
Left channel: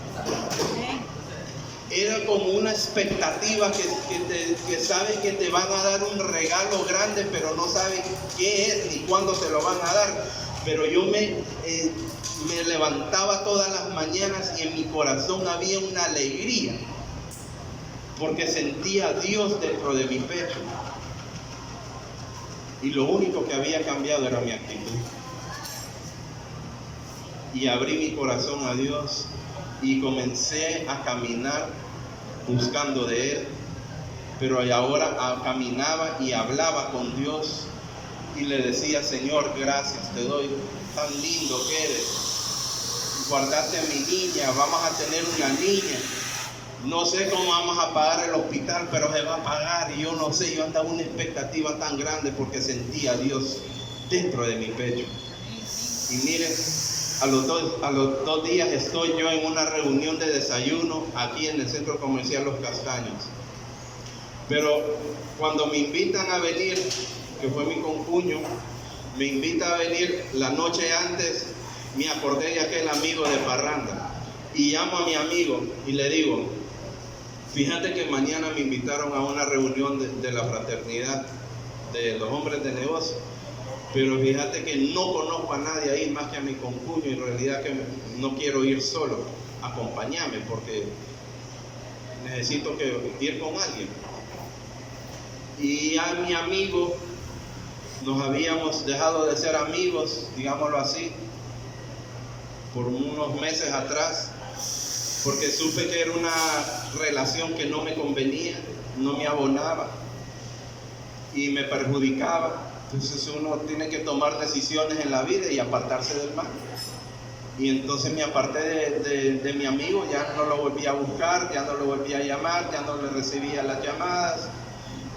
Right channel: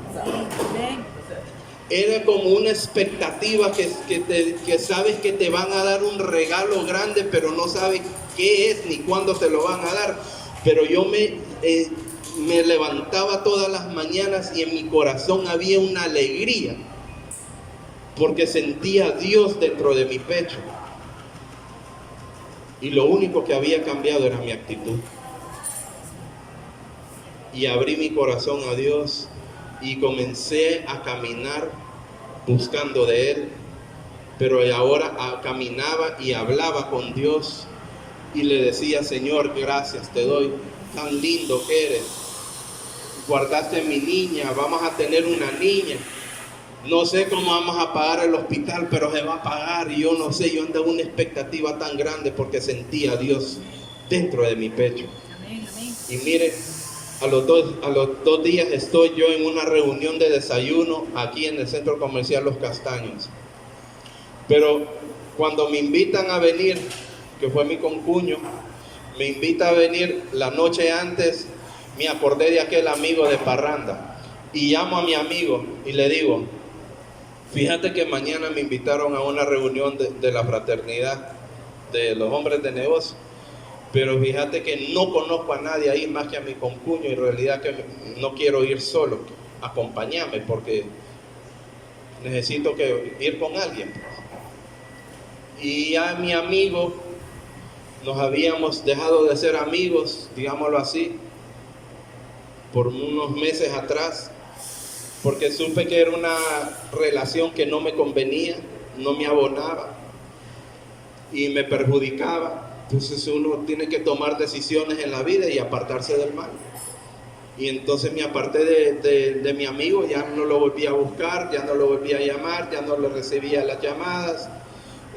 Era como una expectativa que sabes que te van a dar un regalo grande, pero no sabes qué es ni cuándo te lo van a dar. Pero yo me levantaba todas las mañanas y en mi corazón había una alegría, porque sentía a Dios dentro de mi pecho. Y lo único que había cambiado era mi actitud. y abrí mi corazón a Dios y comencé a caminar buscando de Él. Pero ahora caminaba y hablaba con Dios y le decía: Señor, gracias te doy, tan lindo que eres, guardaste a mi niña, vamos a tener una niña, no sé cómo vamos a pagar el hospital, pero se va a pagar. Y yo no sé, yo andaba una expectativa tan grande porque sentía a Dios dentro de mi pecho. Y miren, a los dos días estoy yo en una reunión de desayuno aquí en el centro comercial Los Castaños. Pero cuando me invitan a venir, que fue mi concuño, me invita a venir la noche antes, me acordé de aquel amigo de parranda y llamo a mi amigo y le digo: fíjate que mañana me invitaron a una reunión de la fraternidad de los hombres de negocio, pero fíjate que no conozco a nadie ahí más que a mi concuño, y en realidad que no quiero ir solo, acompáñame porque necesito ir con alguien. Y a mi amigo, nos habíamos dejado de ser amigos, digámoslo así, por unos meses atrás, porque supe que era una relación que no me convenía, no me abonaba y me perjudicaba. Entonces uno tiene que tomar decisiones en la vida y apartarse del mal. Y entonces me aparté de mi amigo, ya no lo volví a buscar, ya no lo volví a llamar, ya no le recibía las llamadas,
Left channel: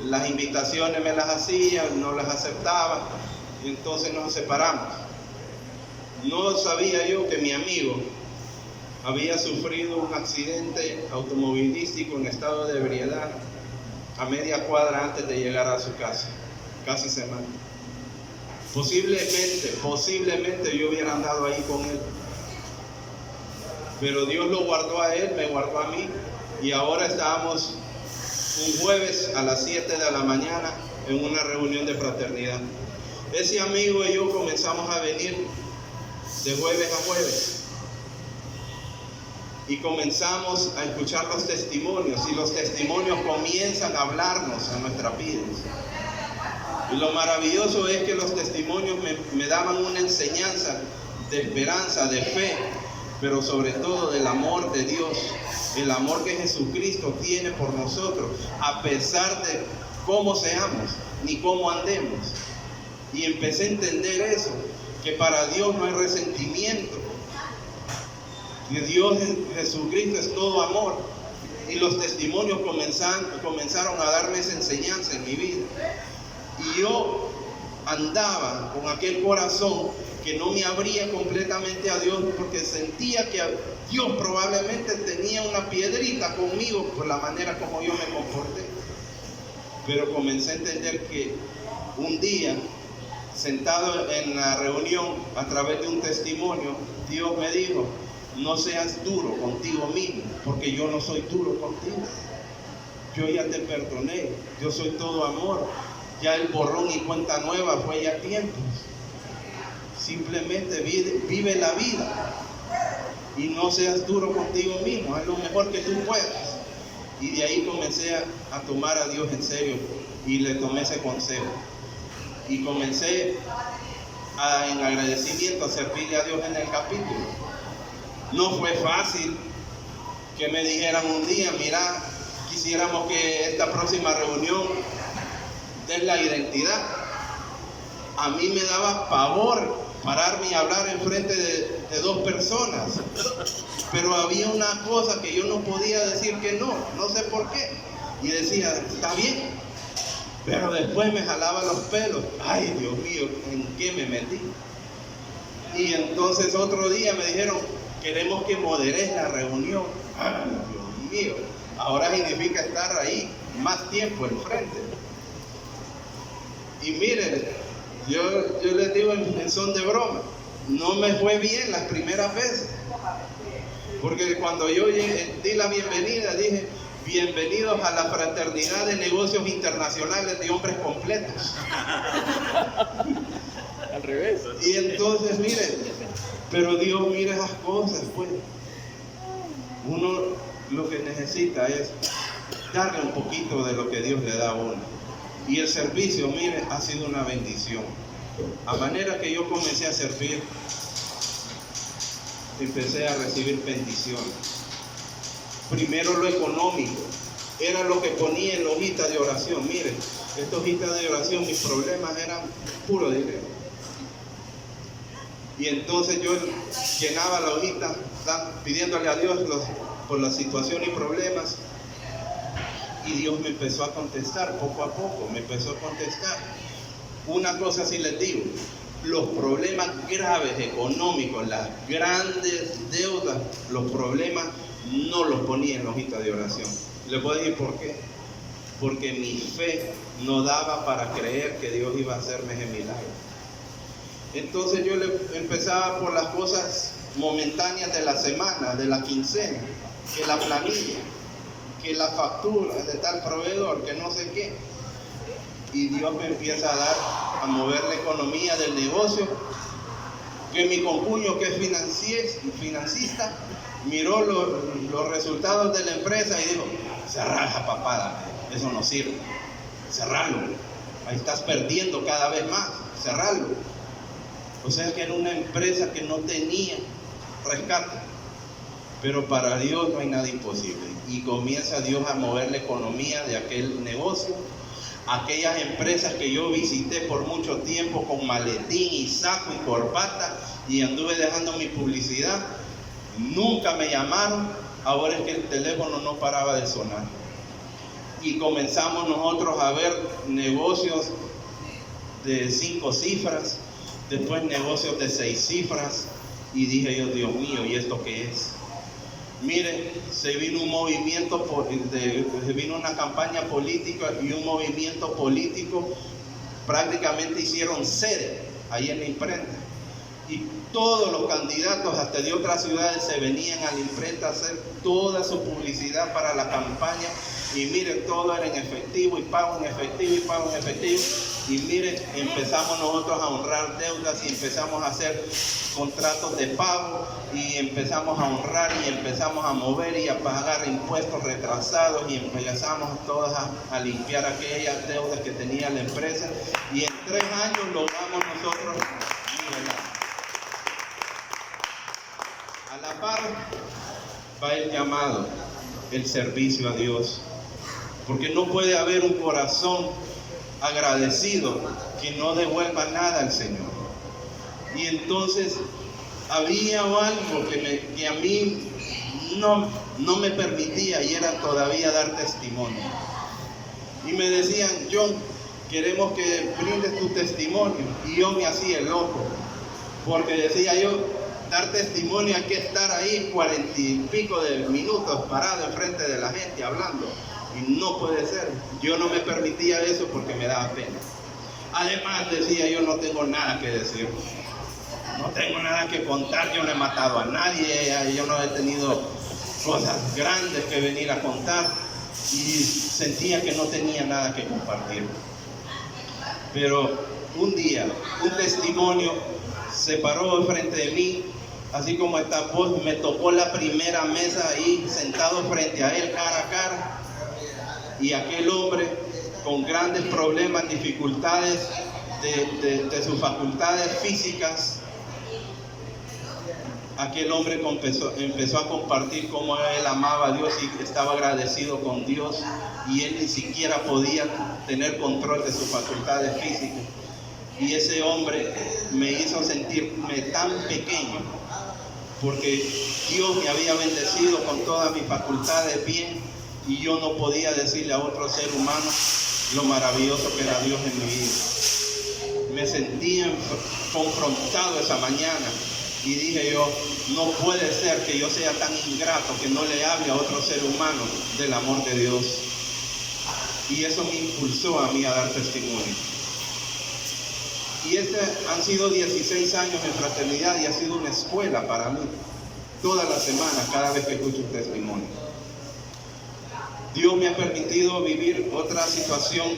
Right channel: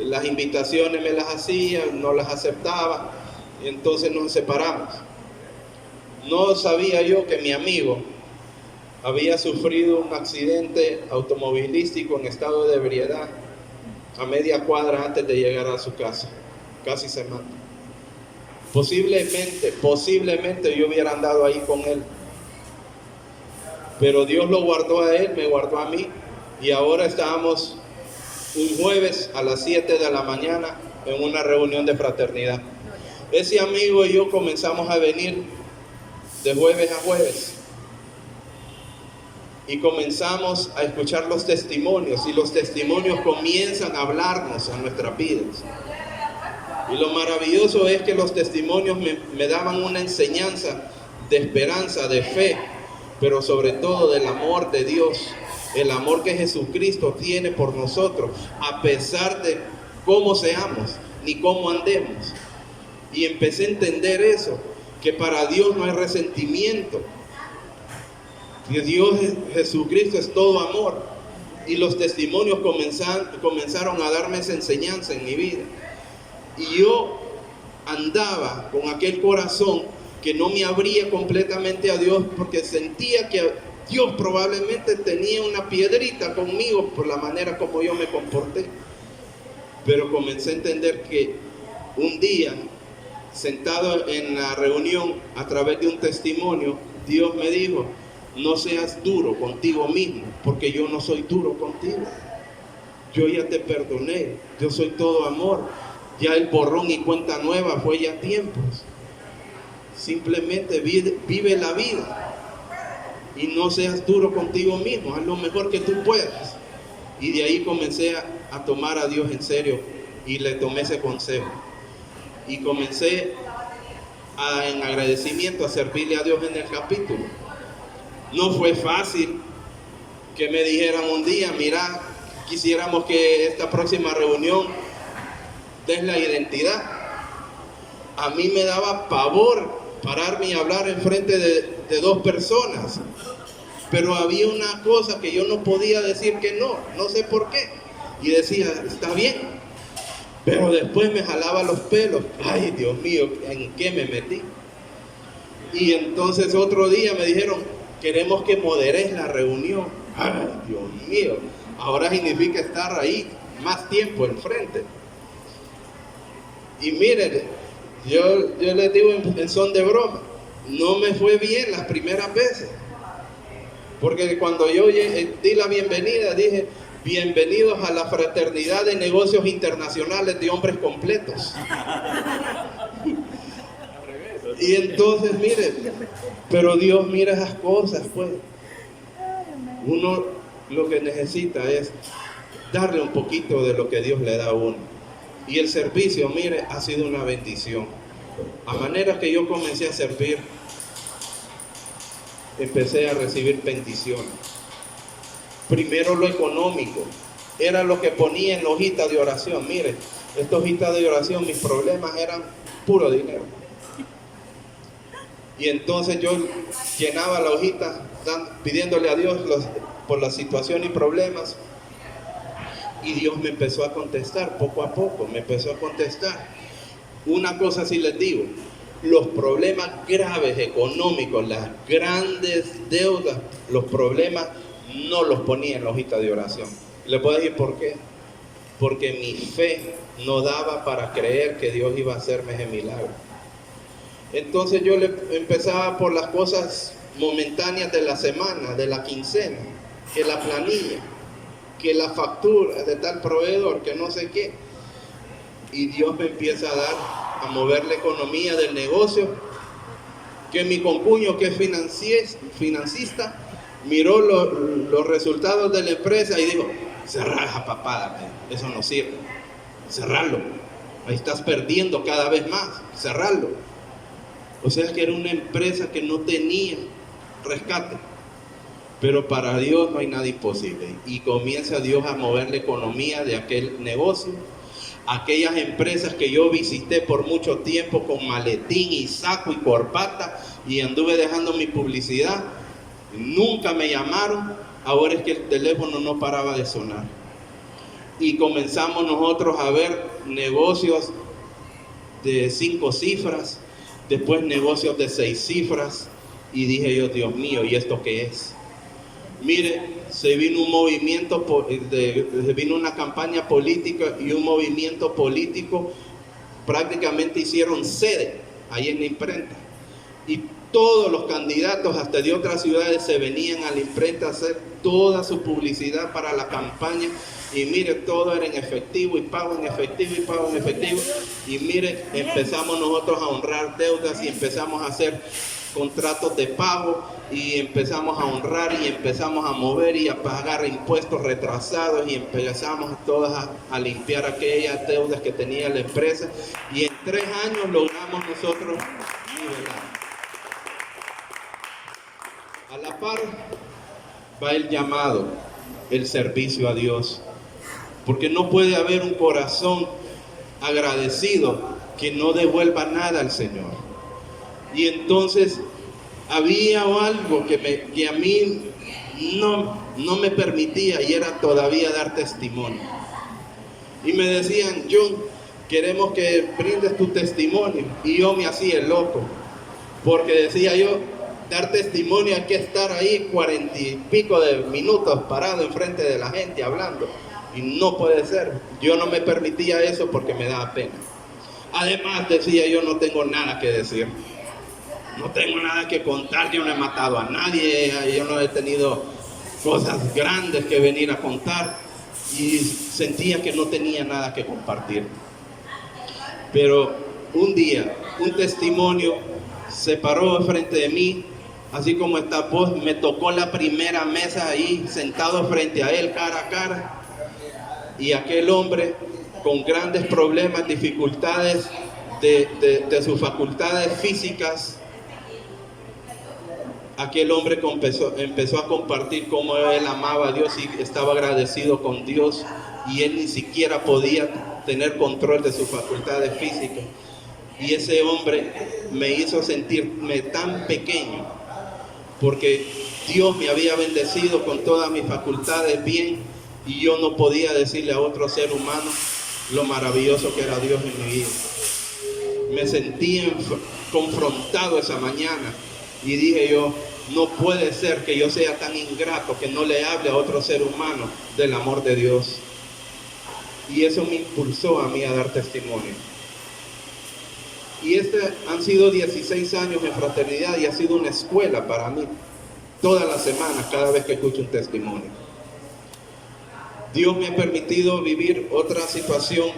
las invitaciones me las hacía, no las aceptaba, y entonces nos separamos. No sabía yo que mi amigo había sufrido un accidente automovilístico en estado de ebriedad a media cuadra antes de llegar a su casa, casi se mata. Posiblemente yo hubiera andado ahí con él, pero Dios lo guardó a él, me guardó a mí, y ahora estábamos un jueves a las 7 de la mañana en una reunión de fraternidad. Ese amigo y yo comenzamos a venir de jueves a jueves y comenzamos a escuchar los testimonios, y los testimonios comienzan a hablarnos a nuestras vidas. Y lo maravilloso es que los testimonios me daban una enseñanza de esperanza, de fe, pero sobre todo del amor de Dios, el amor que Jesucristo tiene por nosotros, a pesar de cómo seamos ni cómo andemos. Y empecé a entender eso, que para Dios no hay resentimiento, que Dios, Jesucristo, es todo amor. Y los testimonios comenzaron a darme esa enseñanza en mi vida. Y yo andaba con aquel corazón que no me abría completamente a Dios, porque sentía que Dios probablemente tenía una piedrita conmigo por la manera como yo me comporté. Pero comencé a entender que un día, sentado en la reunión, a través de un testimonio, Dios me dijo: no seas duro contigo mismo, porque yo no soy duro contigo. Yo ya te perdoné, yo soy todo amor. Ya el borrón y cuenta nueva fue ya tiempos. Simplemente vive la vida y no seas duro contigo mismo, haz lo mejor que tú puedas. Y de ahí comencé a tomar a Dios en serio y le tomé ese consejo. Y comencé en agradecimiento a servirle a Dios en el capítulo. No fue fácil que me dijeran un día: mira, quisiéramos que esta próxima reunión des la identidad. A mí me daba pavor pararme y hablar enfrente de dos personas, pero había una cosa que yo no podía decir que no sé por qué, y decía: está bien, pero después me jalaba los pelos. Ay, Dios mío, ¿en qué me metí? Y entonces otro día me dijeron: queremos que moderes la reunión. Ay, Dios mío, ahora significa estar ahí más tiempo enfrente. Y miren, yo les digo en son de broma, no me fue bien las primeras veces, porque cuando yo di la bienvenida, dije: bienvenidos a la fraternidad de negocios internacionales de hombres completos. Al revés. Y entonces, miren, pero Dios mira esas cosas, pues. Uno lo que necesita es darle un poquito de lo que Dios le da a uno. Y el servicio, mire, ha sido una bendición. A manera que yo comencé a servir, empecé a recibir bendiciones. Primero lo económico, era lo que ponía en la hojita de oración. Mire, esta hojita de oración, mis problemas eran puro dinero. Y entonces yo llenaba la hojita pidiéndole a Dios por la situación y problemas. Y Dios me empezó a contestar poco a poco, me empezó a contestar. Una cosa sí les digo, los problemas graves económicos, las grandes deudas, los problemas no los ponía en la hojita de oración. ¿Les puedo decir por qué? Porque mi fe no daba para creer que Dios iba a hacerme ese milagro. Entonces yo empezaba por las cosas momentáneas de la semana, de la quincena, que la planilla, que la factura de tal proveedor, que no sé qué. Y Dios me empieza a mover la economía del negocio, que mi concuño, que es financista, miró los resultados de la empresa y dijo: cerrar esa papada, eso no sirve, cerrarlo, ahí estás perdiendo cada vez más, cerrarlo. O sea que era una empresa que no tenía rescate, pero para Dios no hay nada imposible. Y comienza Dios a mover la economía de aquel negocio. Aquellas empresas que yo visité por mucho tiempo con maletín y saco y corbata y anduve dejando mi publicidad, nunca me llamaron. Ahora es que el teléfono no paraba de sonar. Y comenzamos nosotros a ver negocios de 5 cifras, después negocios de 6 cifras, y dije yo: Dios mío, ¿y esto qué es? Mire, se vino un movimiento, se vino una campaña política y un movimiento político, prácticamente hicieron sede ahí en la imprenta. Y todos los candidatos, hasta de otras ciudades, se venían a la imprenta a hacer toda su publicidad para la campaña. Y mire, todo era en efectivo y pago en efectivo y pago en efectivo. Y mire, empezamos nosotros a honrar deudas y empezamos a hacer contratos de pago y empezamos a honrar y empezamos a mover y a pagar impuestos retrasados y empezamos todas a limpiar aquellas deudas que tenía la empresa. Y en 3 años logramos nosotros nivelar. A la par va el llamado, el servicio a Dios. Porque no puede haber un corazón agradecido que no devuelva nada al Señor. Y entonces había algo que a mí no me permitía, y era todavía dar testimonio. Y me decían: John, queremos que brindes tu testimonio. Y yo me hacía el loco, porque decía yo: dar testimonio hay que estar ahí 40 y pico de minutos parado enfrente de la gente hablando. Y no puede ser. Yo no me permitía eso porque me daba pena. Además, decía yo: no tengo nada que decir, no tengo nada que contar, yo no he matado a nadie, yo no he tenido cosas grandes que venir a contar, y sentía que no tenía nada que compartir. Pero un día, un testimonio se paró enfrente de mí, así como esta voz, me tocó la primera mesa ahí, sentado frente a él, cara a cara. Y aquel hombre con grandes problemas, dificultades de sus facultades físicas, aquel hombre empezó a compartir cómo él amaba a Dios y estaba agradecido con Dios, y él ni siquiera podía tener control de sus facultades físicas. Y ese hombre me hizo sentirme tan pequeño, porque Dios me había bendecido con todas mis facultades bien, y yo no podía decirle a otro ser humano lo maravilloso que era Dios en mi vida. Me sentí confrontado esa mañana y dije yo: no puede ser que yo sea tan ingrato que no le hable a otro ser humano del amor de Dios. Y eso me impulsó a mí a dar testimonio. Y han sido 16 años en fraternidad, y ha sido una escuela para mí. Todas las semanas, cada vez que escucho un testimonio. Dios me ha permitido vivir otra situación,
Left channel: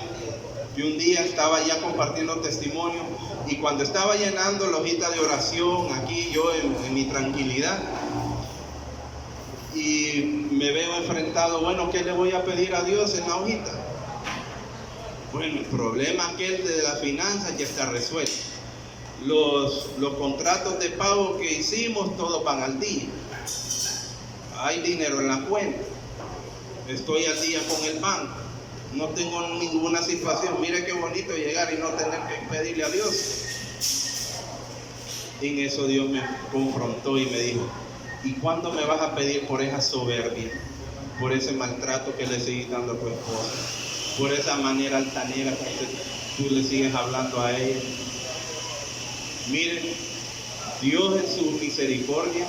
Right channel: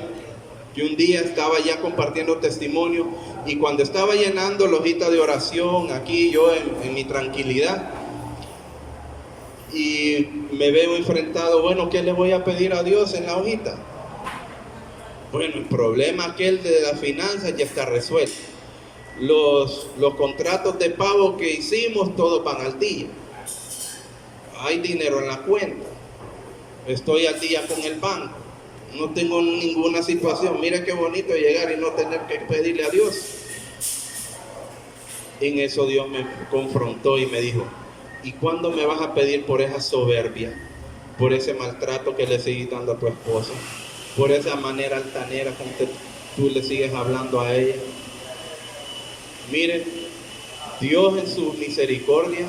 que un día estaba ya compartiendo testimonio, y cuando estaba llenando la hojita de oración aquí yo en mi tranquilidad, y me veo enfrentado: bueno, ¿qué le voy a pedir a Dios en la hojita? Bueno, el problema aquel de las finanzas ya está resuelto. los contratos de pago que hicimos, todos van al día. Hay dinero en la cuenta. Estoy al día con el banco. No tengo ninguna situación. Mire qué bonito llegar y no tener que pedirle a Dios. En eso Dios me confrontó y me dijo: ¿y cuándo me vas a pedir por esa soberbia? Por ese maltrato que le sigues dando a tu esposa, por esa manera altanera con que tú le sigues hablando a ella. Miren, Dios en su misericordia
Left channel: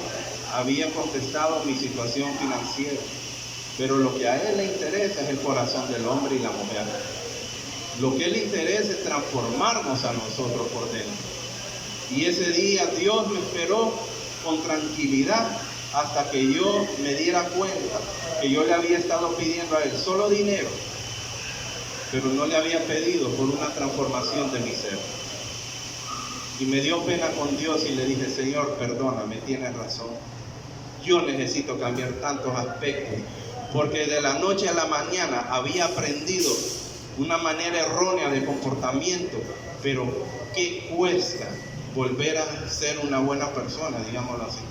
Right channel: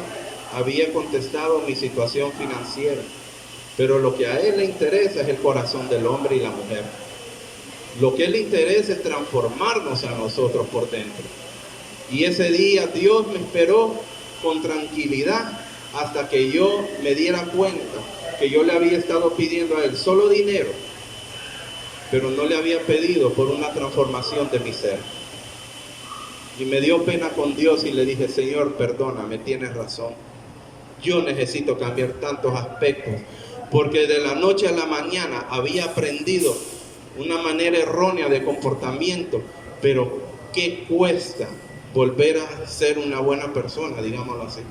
había contestado mi situación financiera, pero lo que a Él le interesa es el corazón del hombre y la mujer. Lo que Él le interesa es transformarnos a nosotros por dentro. Y ese día Dios me esperó con tranquilidad hasta que yo me diera cuenta que yo le había estado pidiendo a Él solo dinero, pero no le había pedido por una transformación de mi ser. Y me dio pena con Dios y le dije: Señor, perdóname, tienes razón. Yo necesito cambiar tantos aspectos, porque de la noche a la mañana había aprendido una manera errónea de comportamiento, pero ¿qué cuesta volver a ser una buena persona, digámoslo así?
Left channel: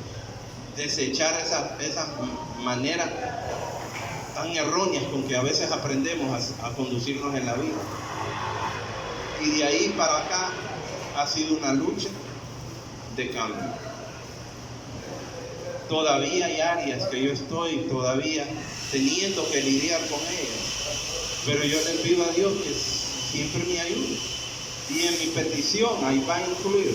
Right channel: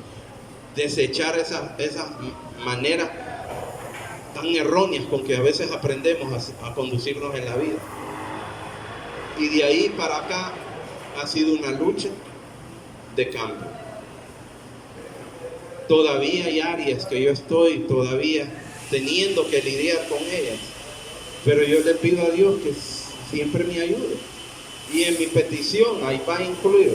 Desechar esa manera tan erróneas con que a veces aprendemos a conducirnos en la vida. Y de ahí para acá ha sido una lucha de cambio. Todavía hay áreas que yo estoy todavía teniendo que lidiar con ellas, pero yo le pido a Dios que siempre me ayude. Y en mi petición ahí va incluido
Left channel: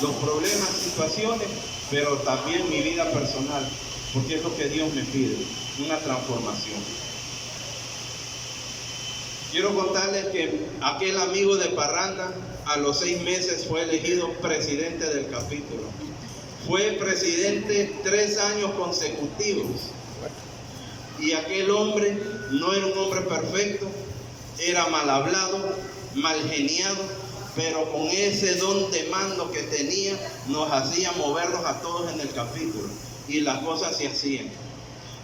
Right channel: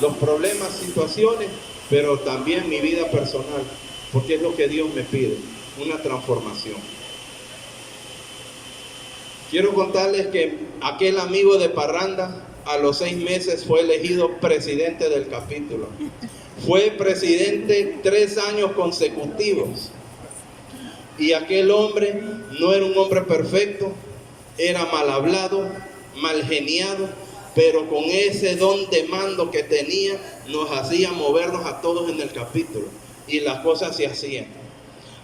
los problemas, situaciones, pero también mi vida personal, porque es lo que Dios me pide, una transformación. Quiero contarles que aquel amigo de parranda a los 6 meses fue elegido presidente del capítulo. Fue presidente 3 años consecutivos. Y aquel hombre no era un hombre perfecto, era mal hablado, mal geniado, pero con ese don de mando que tenía, nos hacía movernos a todos en el capítulo. Y las cosas se hacían.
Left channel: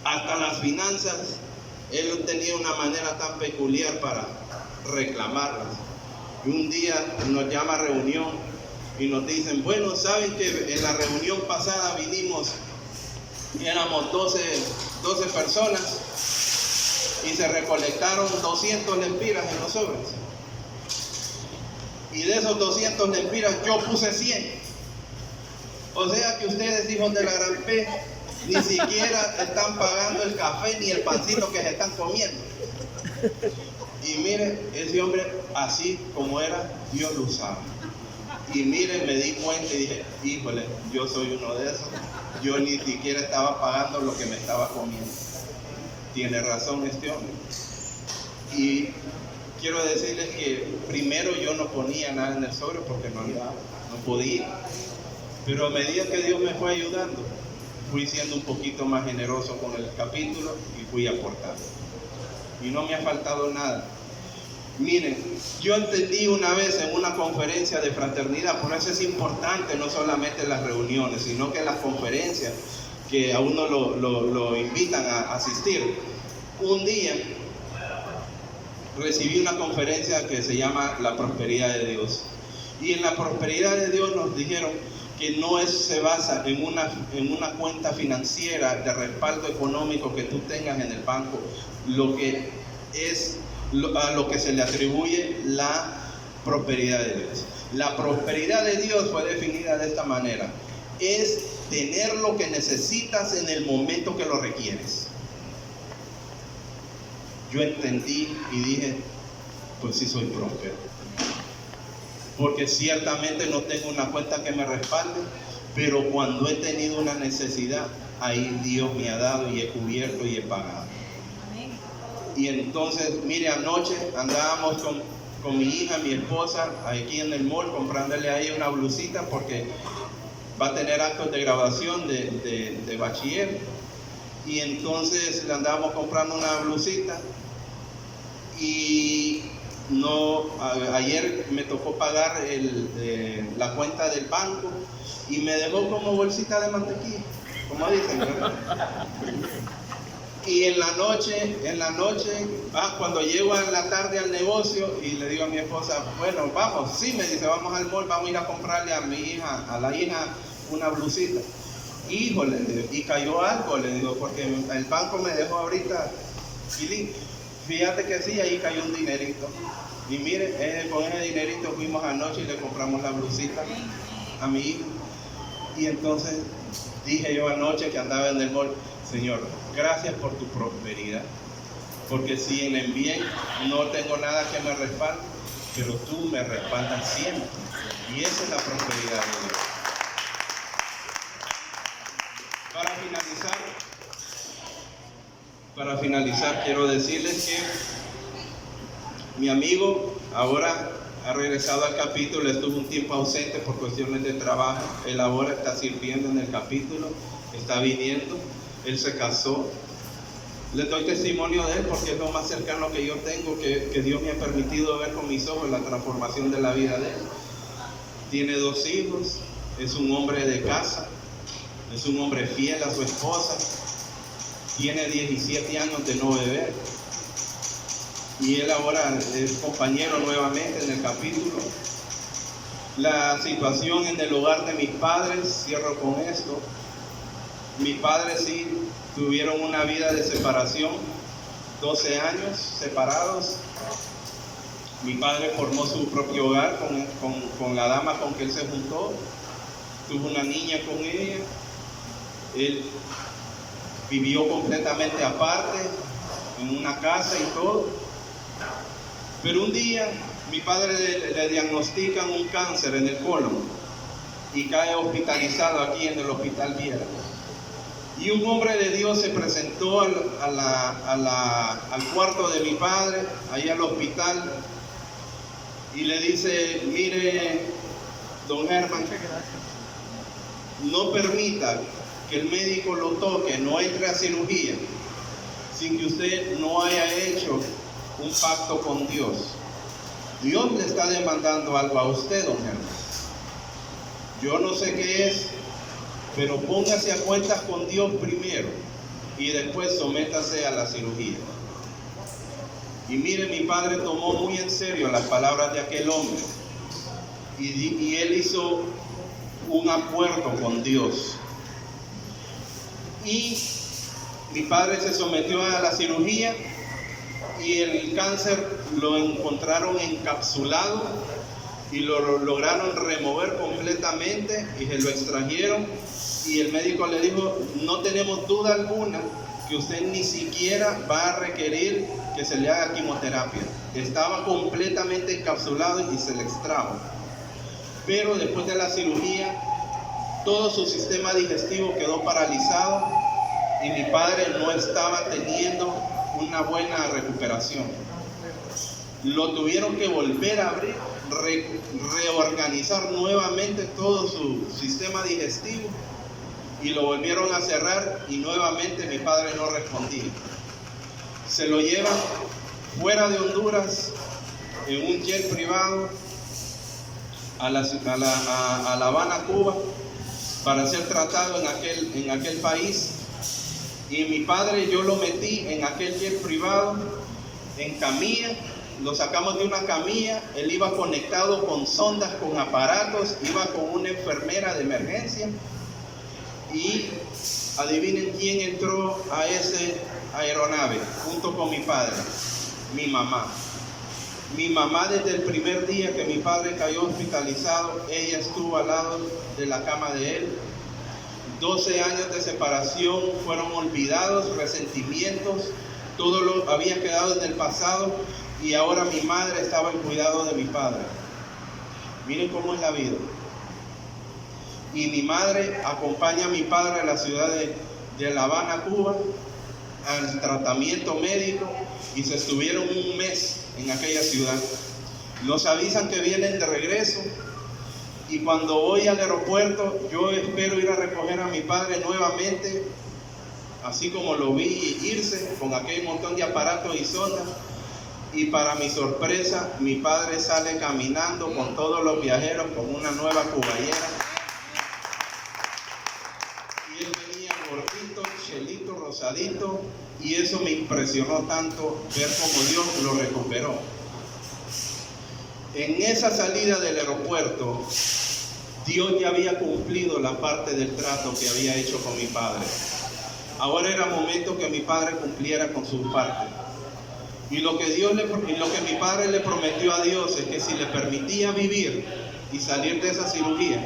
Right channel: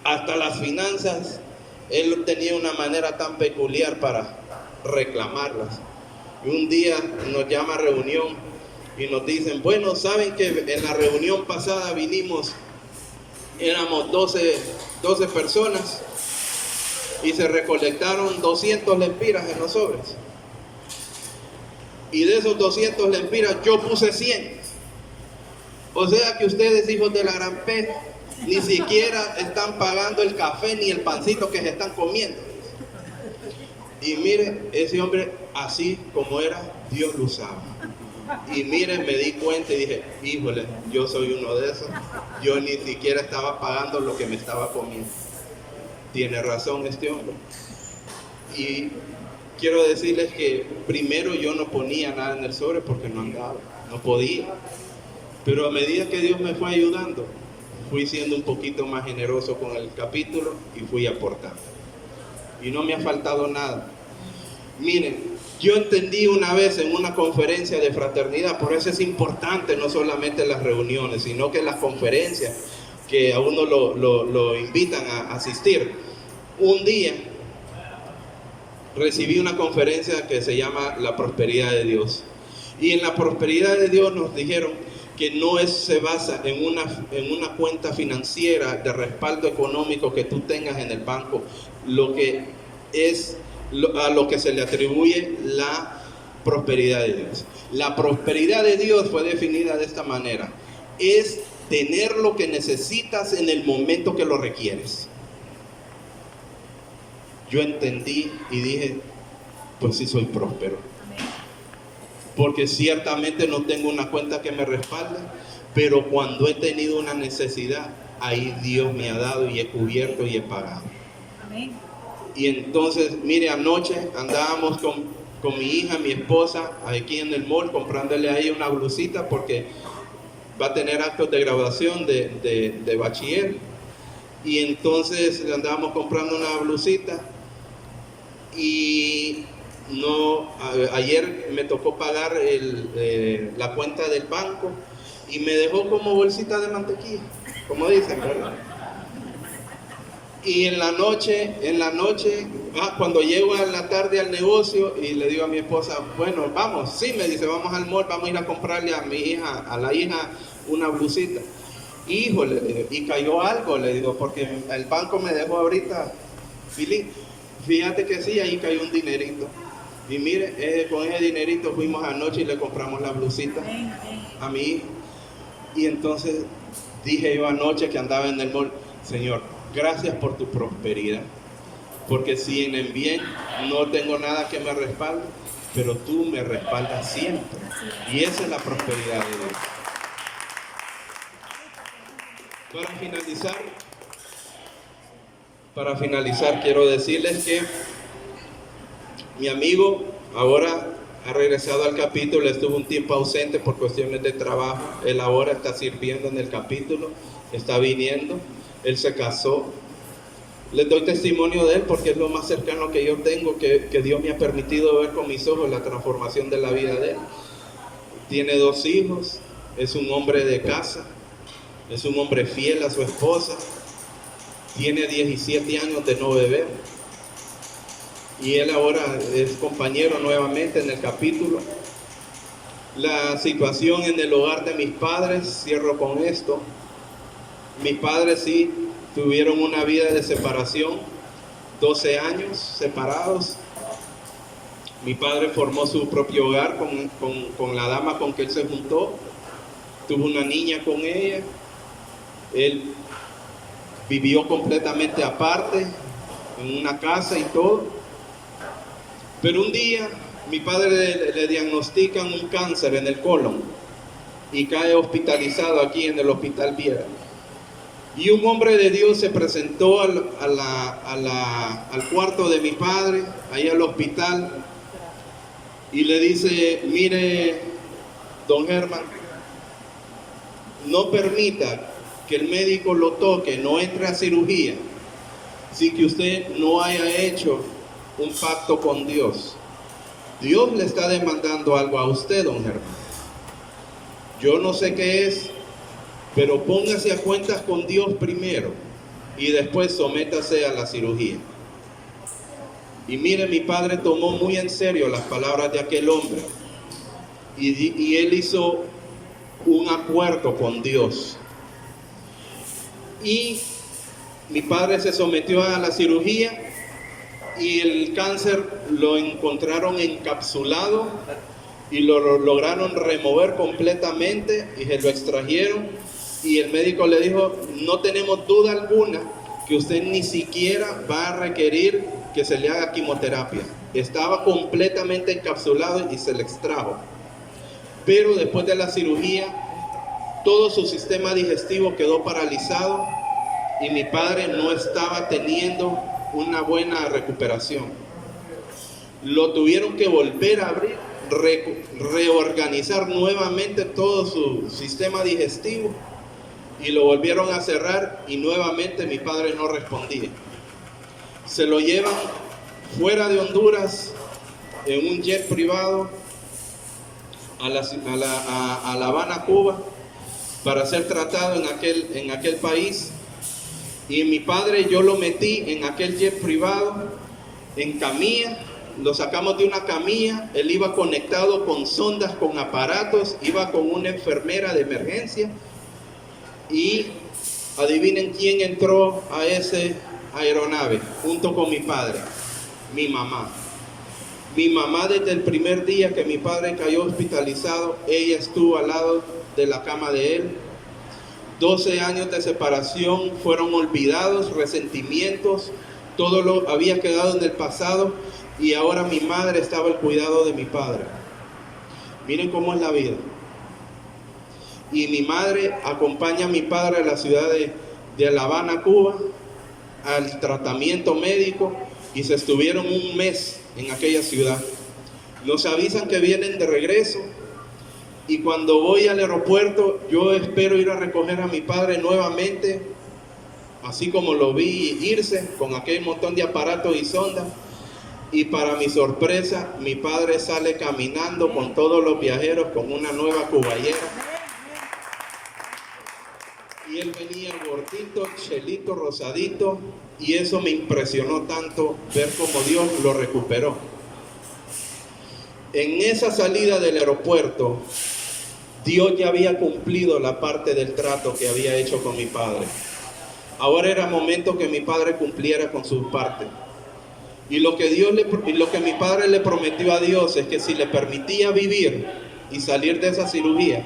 Hasta las finanzas, él tenía una manera tan peculiar para reclamarlas. Y un día nos llama a reunión y nos dicen: bueno, saben que en la reunión pasada vinimos, éramos 12 personas y se recolectaron 200 lempiras en los sobres. Y de esos 200 lempiras yo puse 100. O sea que ustedes, hijos de la gran P, ni siquiera están pagando el café ni el pancito que se están comiendo. Y mire, ese hombre, así como era, Dios lo usaba. Y mire, me di cuenta y dije: híjole, yo soy uno de esos. Yo ni siquiera estaba pagando lo que me estaba comiendo. Tiene razón este hombre. Y quiero decirles que primero yo no ponía nada en el sobre porque no andaba, no podía. Pero a medida que Dios me fue ayudando, fui siendo un poquito más generoso con el capítulo y fui aportando. Y no me ha faltado nada. Miren, yo entendí una vez en una conferencia de fraternidad, por eso es importante no solamente las reuniones, sino que las conferencias que a uno lo invitan a asistir. Un día recibí una conferencia que se llama La Prosperidad de Dios. Y en la prosperidad de Dios nos dijeron que no se basa en una cuenta financiera de respaldo económico que tú tengas en el banco, lo que es a lo que se le atribuye la prosperidad de Dios. La prosperidad de Dios fue definida de esta manera: es tener lo que necesitas en el momento que lo requieres. Yo entendí y dije: pues sí, soy próspero, porque ciertamente no tengo una cuenta que me respalde, pero cuando he tenido una necesidad, ahí Dios me ha dado y he cubierto y he pagado. Amén. Y entonces, mire, anoche andábamos con mi hija, mi esposa, aquí en el mall, comprándole a ella una blusita porque va a tener actos de graduación de bachiller. Y entonces le andábamos comprando una blusita y ayer me tocó pagar la cuenta del banco y me dejó como bolsita de mantequilla, como dicen, ¿verdad? Y en la noche, cuando llego a la tarde al negocio y le digo a mi esposa, bueno, vamos, sí, me dice, vamos al mall, vamos a ir a comprarle a mi hija, a la hija, una blusita. Híjole, le digo, y cayó algo, le digo, porque el banco me dejó ahorita, fíjate que sí, ahí cayó un dinerito. Y mire, con ese dinerito fuimos anoche y le compramos la blusita a mi hija. Y entonces dije yo anoche que andaba en el mall, Señor, gracias por tu prosperidad, porque si en el bien no tengo nada que me respalde, pero tú me respaldas siempre. Y esa es la prosperidad de Dios. Para finalizar, quiero decirles que mi amigo ahora ha regresado al capítulo, estuvo un tiempo ausente por cuestiones de trabajo, él ahora está sirviendo en el capítulo, está viniendo, él se casó. Les doy testimonio de él porque es lo más cercano que yo tengo, que Dios me ha permitido ver con mis ojos la transformación de la vida de él. Tiene 2 hijos, es un hombre de casa, es un hombre fiel a su esposa, tiene 17 años de no beber y él ahora es compañero nuevamente en el capítulo. La situación en el hogar de mis padres, cierro con esto. Mis padres sí tuvieron una vida de separación, 12 años separados. Mi padre formó su propio hogar con la dama con que él se juntó, tuvo una niña con ella, él vivió completamente aparte, en una casa y todo. Pero un día mi padre le diagnostican un cáncer en el colon y cae hospitalizado aquí en el Hospital Viera. Y un hombre de Dios se presentó al cuarto de mi padre, ahí al hospital, y le dice, mire, don Germán, no permita que el médico lo toque, no entre a cirugía, sin que usted no haya hecho un pacto con Dios. Dios le está demandando algo a usted, don Germán. Yo no sé qué es, pero póngase a cuentas con Dios primero y después sométase a la cirugía. Y mire, mi padre tomó muy en serio las palabras de aquel hombre y él hizo un acuerdo con Dios. Y mi padre se sometió a la cirugía y el cáncer lo encontraron encapsulado y lo lograron remover completamente y se lo extrajeron. Y el médico le dijo, no tenemos duda alguna que usted ni siquiera va a requerir que se le haga quimioterapia. Estaba completamente encapsulado y se le extrajo. Pero después de la cirugía, todo su sistema digestivo quedó paralizado y mi padre no estaba teniendo una buena recuperación. Lo tuvieron que volver a abrir, reorganizar nuevamente todo su sistema digestivo y lo volvieron a cerrar y nuevamente mi padre no respondía. Se lo llevan fuera de Honduras en un jet privado a La Habana, Cuba, para ser tratado en aquel país. Y mi padre, yo lo metí en aquel jet privado, en camilla, lo sacamos de una camilla, él iba conectado con sondas, con aparatos, iba con una enfermera de emergencia. Y adivinen quién entró a esa aeronave junto con mi padre, mi mamá. Mi mamá, desde el primer día que mi padre cayó hospitalizado, ella estuvo al lado de la cama de él. 12 años de separación fueron olvidados, resentimientos, todo lo había quedado en el pasado y ahora mi madre estaba al cuidado de mi padre. Miren cómo es la vida. Y mi madre acompaña a mi padre a la ciudad de La Habana, Cuba, al tratamiento médico, y se estuvieron un mes en aquella ciudad. Nos avisan que vienen de regreso. Y cuando voy al aeropuerto, yo espero ir a recoger a mi padre nuevamente, así como lo vi irse, con aquel montón de aparatos y sondas. Y para mi sorpresa, mi padre sale caminando con todos los viajeros con una nueva cuballera. Y él venía chelito, rosadito, y eso me impresionó tanto ver cómo Dios lo recuperó. En esa salida del aeropuerto, Dios ya había cumplido la parte del trato que había hecho con mi padre. Ahora era momento que mi padre cumpliera con su parte. Y lo que mi padre le prometió a Dios es que si le permitía vivir y salir de esa cirugía,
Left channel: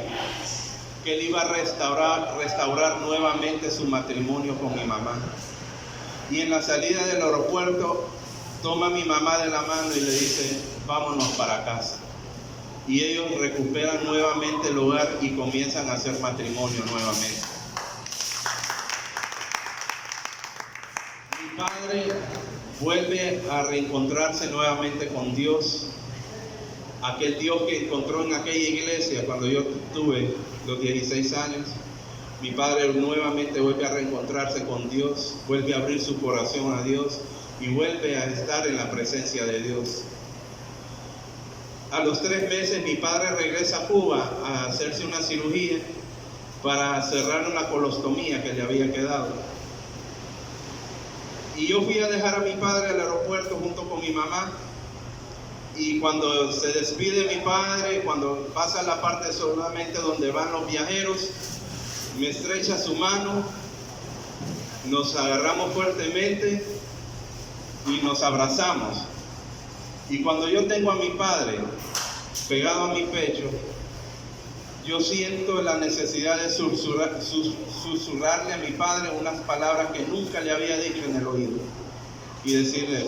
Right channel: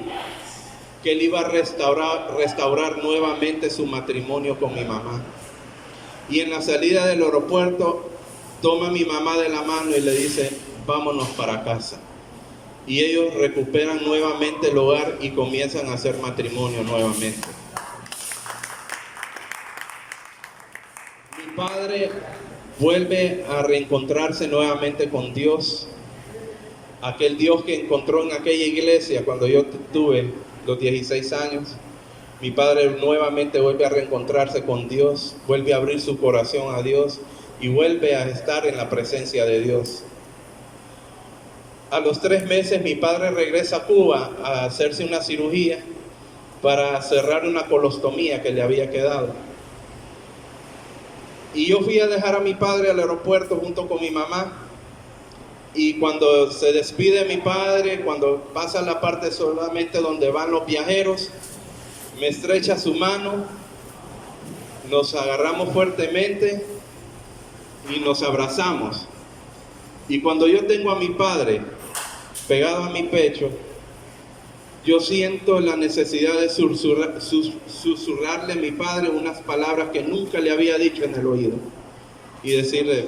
que él iba a restaurar nuevamente su matrimonio con mi mamá. Y en la salida del aeropuerto, toma a mi mamá de la mano y le dice, vámonos para casa. Y ellos recuperan nuevamente el hogar y comienzan a hacer matrimonio nuevamente. Mi padre vuelve a reencontrarse nuevamente con Dios, aquel Dios que encontró en aquella iglesia cuando yo tuve los 16 años. Mi padre nuevamente vuelve a reencontrarse con Dios, vuelve a abrir su corazón a Dios y vuelve a estar en la presencia de Dios. A los 3 meses mi padre regresa a Cuba a hacerse una cirugía para cerrar una colostomía que le había quedado. Y yo fui a dejar a mi padre al aeropuerto junto con mi mamá. Y cuando se despide mi padre, cuando pasa la parte solamente donde van los viajeros, me estrecha su mano, nos agarramos fuertemente y nos abrazamos. Y cuando yo tengo a mi padre pegado a mi pecho, yo siento la necesidad de susurrarle a mi padre unas palabras que nunca le había dicho en el oído. Y decirle,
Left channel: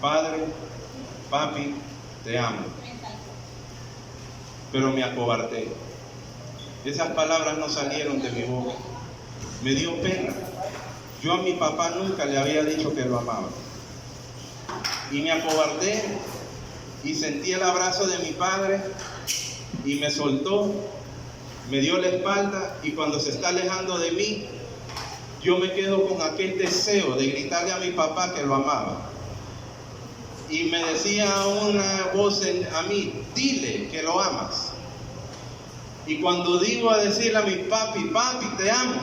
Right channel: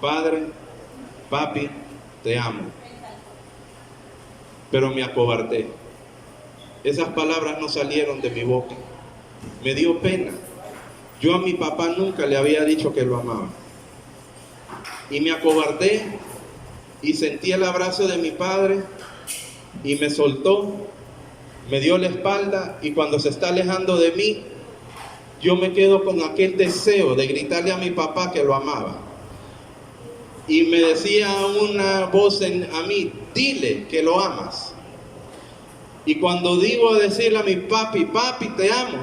Padre, papi, te amo. Pero me acobardé. Esas palabras no salieron de mi boca. Me dio pena. Yo a mi papá nunca le había dicho que lo amaba. Y me acobardé y sentí el abrazo de mi padre y me soltó, me dio la espalda, y cuando se está alejando de mí, yo me quedo con aquel deseo de gritarle a mi papá que lo amaba. Y me decía una voz a mí, dile que lo amas. Y cuando digo a decirle a mi papi, papi, te amo,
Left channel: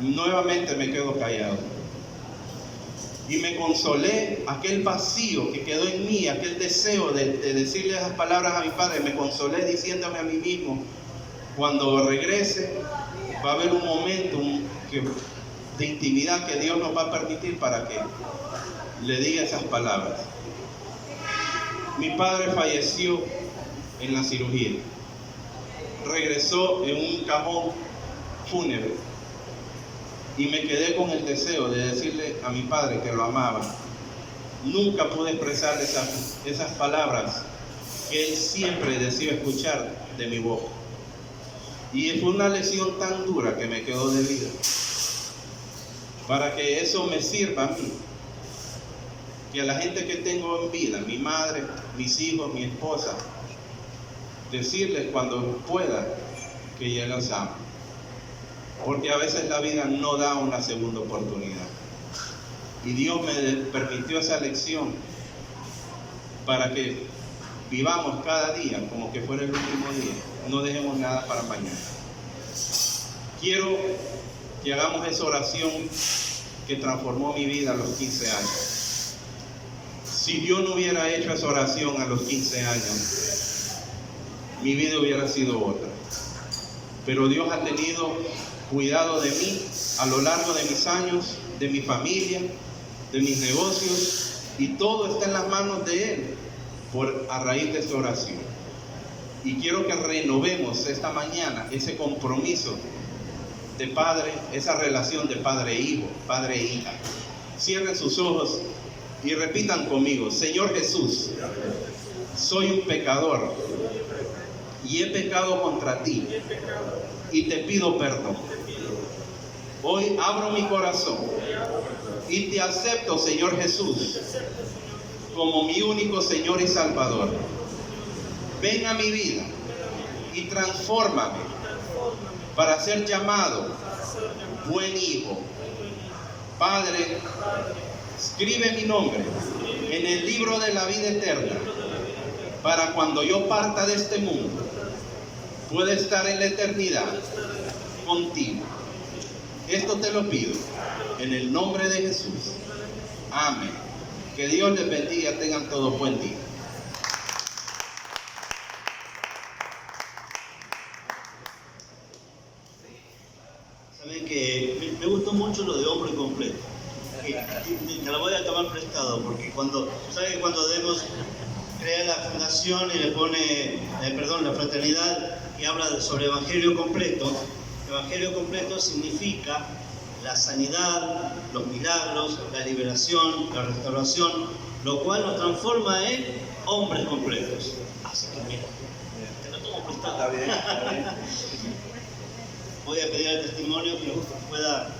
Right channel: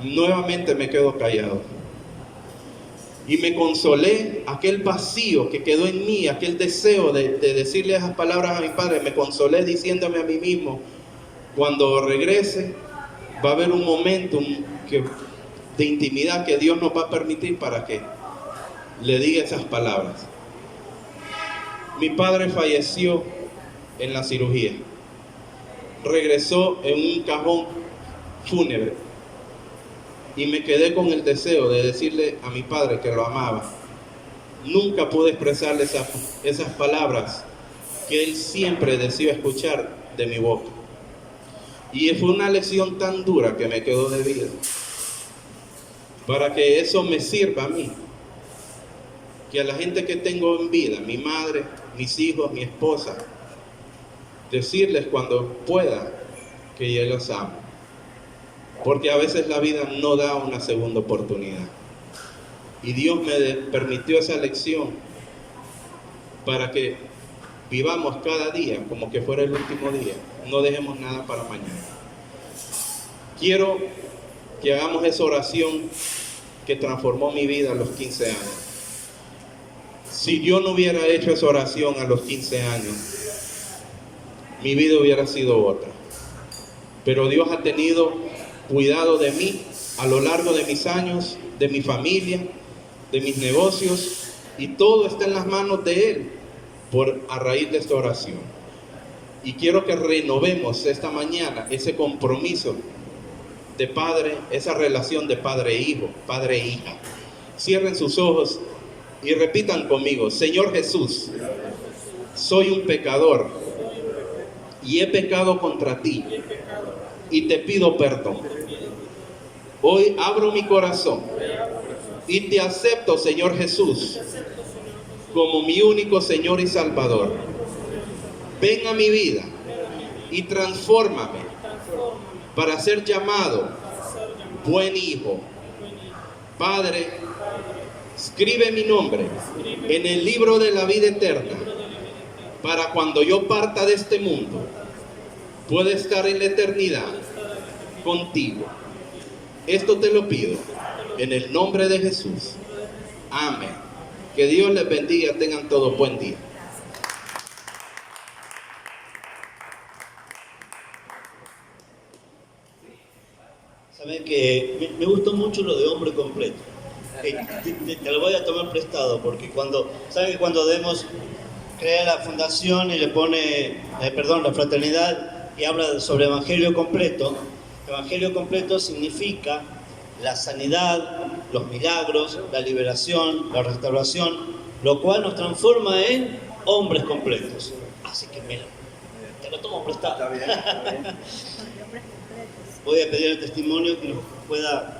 nuevamente me quedo callado. Y me consolé, aquel vacío que quedó en mí, aquel deseo de decirle esas palabras a mi padre, me consolé diciéndome a mí mismo, cuando regrese va a haber un momento de intimidad que Dios nos va a permitir para que le diga esas palabras. Mi padre falleció en la cirugía. Regresó en un cajón fúnebre. Y me quedé con el deseo de decirle a mi padre que lo amaba. Nunca pude expresarle esas palabras que él siempre deseó escuchar de mi boca. Y fue una lección tan dura que me quedó de vida. Para que eso me sirva a mí. Que a la gente que tengo en vida, mi madre, mis hijos, mi esposa, decirles cuando pueda que yo los amo. Porque a veces la vida no da una segunda oportunidad. Y Dios me permitió esa lección para que vivamos cada día como que fuera el último día. No dejemos nada para mañana. Quiero que hagamos esa oración que transformó mi vida a los 15 años. Si yo no hubiera hecho esa oración a los 15 años, mi vida hubiera sido otra. Pero Dios ha tenido cuidado de mí a lo largo de mis años, de mi familia, de mis negocios, y todo está en las manos de Él a raíz de esta oración. Y quiero que renovemos esta mañana ese compromiso de padre, esa relación de padre e hijo, padre e hija. Cierren sus ojos y repitan conmigo: Señor Jesús, soy un pecador y he pecado contra ti y te pido perdón. Hoy abro mi corazón y te acepto, Señor Jesús, como mi único Señor y Salvador. Ven a mi vida y transfórmame para ser llamado buen hijo. Padre, escribe mi nombre en el libro de la vida eterna, para cuando yo parta de este mundo, pueda estar en la eternidad contigo. Esto te lo pido en el nombre de Jesús. Amén. Que Dios les bendiga, tengan todos buen día. Saben que me gustó mucho lo de hombre completo. Te lo voy a tomar prestado, porque ¿saben que cuando debemos crear la fundación y le pone, la fraternidad, y habla sobre evangelio completo significa la sanidad, los milagros, la liberación, la restauración, lo cual nos transforma en hombres completos. Así que mira, te lo tomo prestado. Está bien, está bien. Voy a pedir al testimonio que nos pueda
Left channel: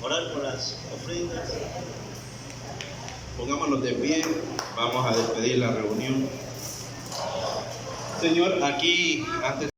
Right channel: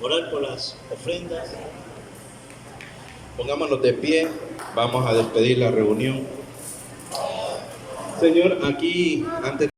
orar por las ofrendas. Pongámonos de pie, vamos a despedir la reunión. Señor, aquí antes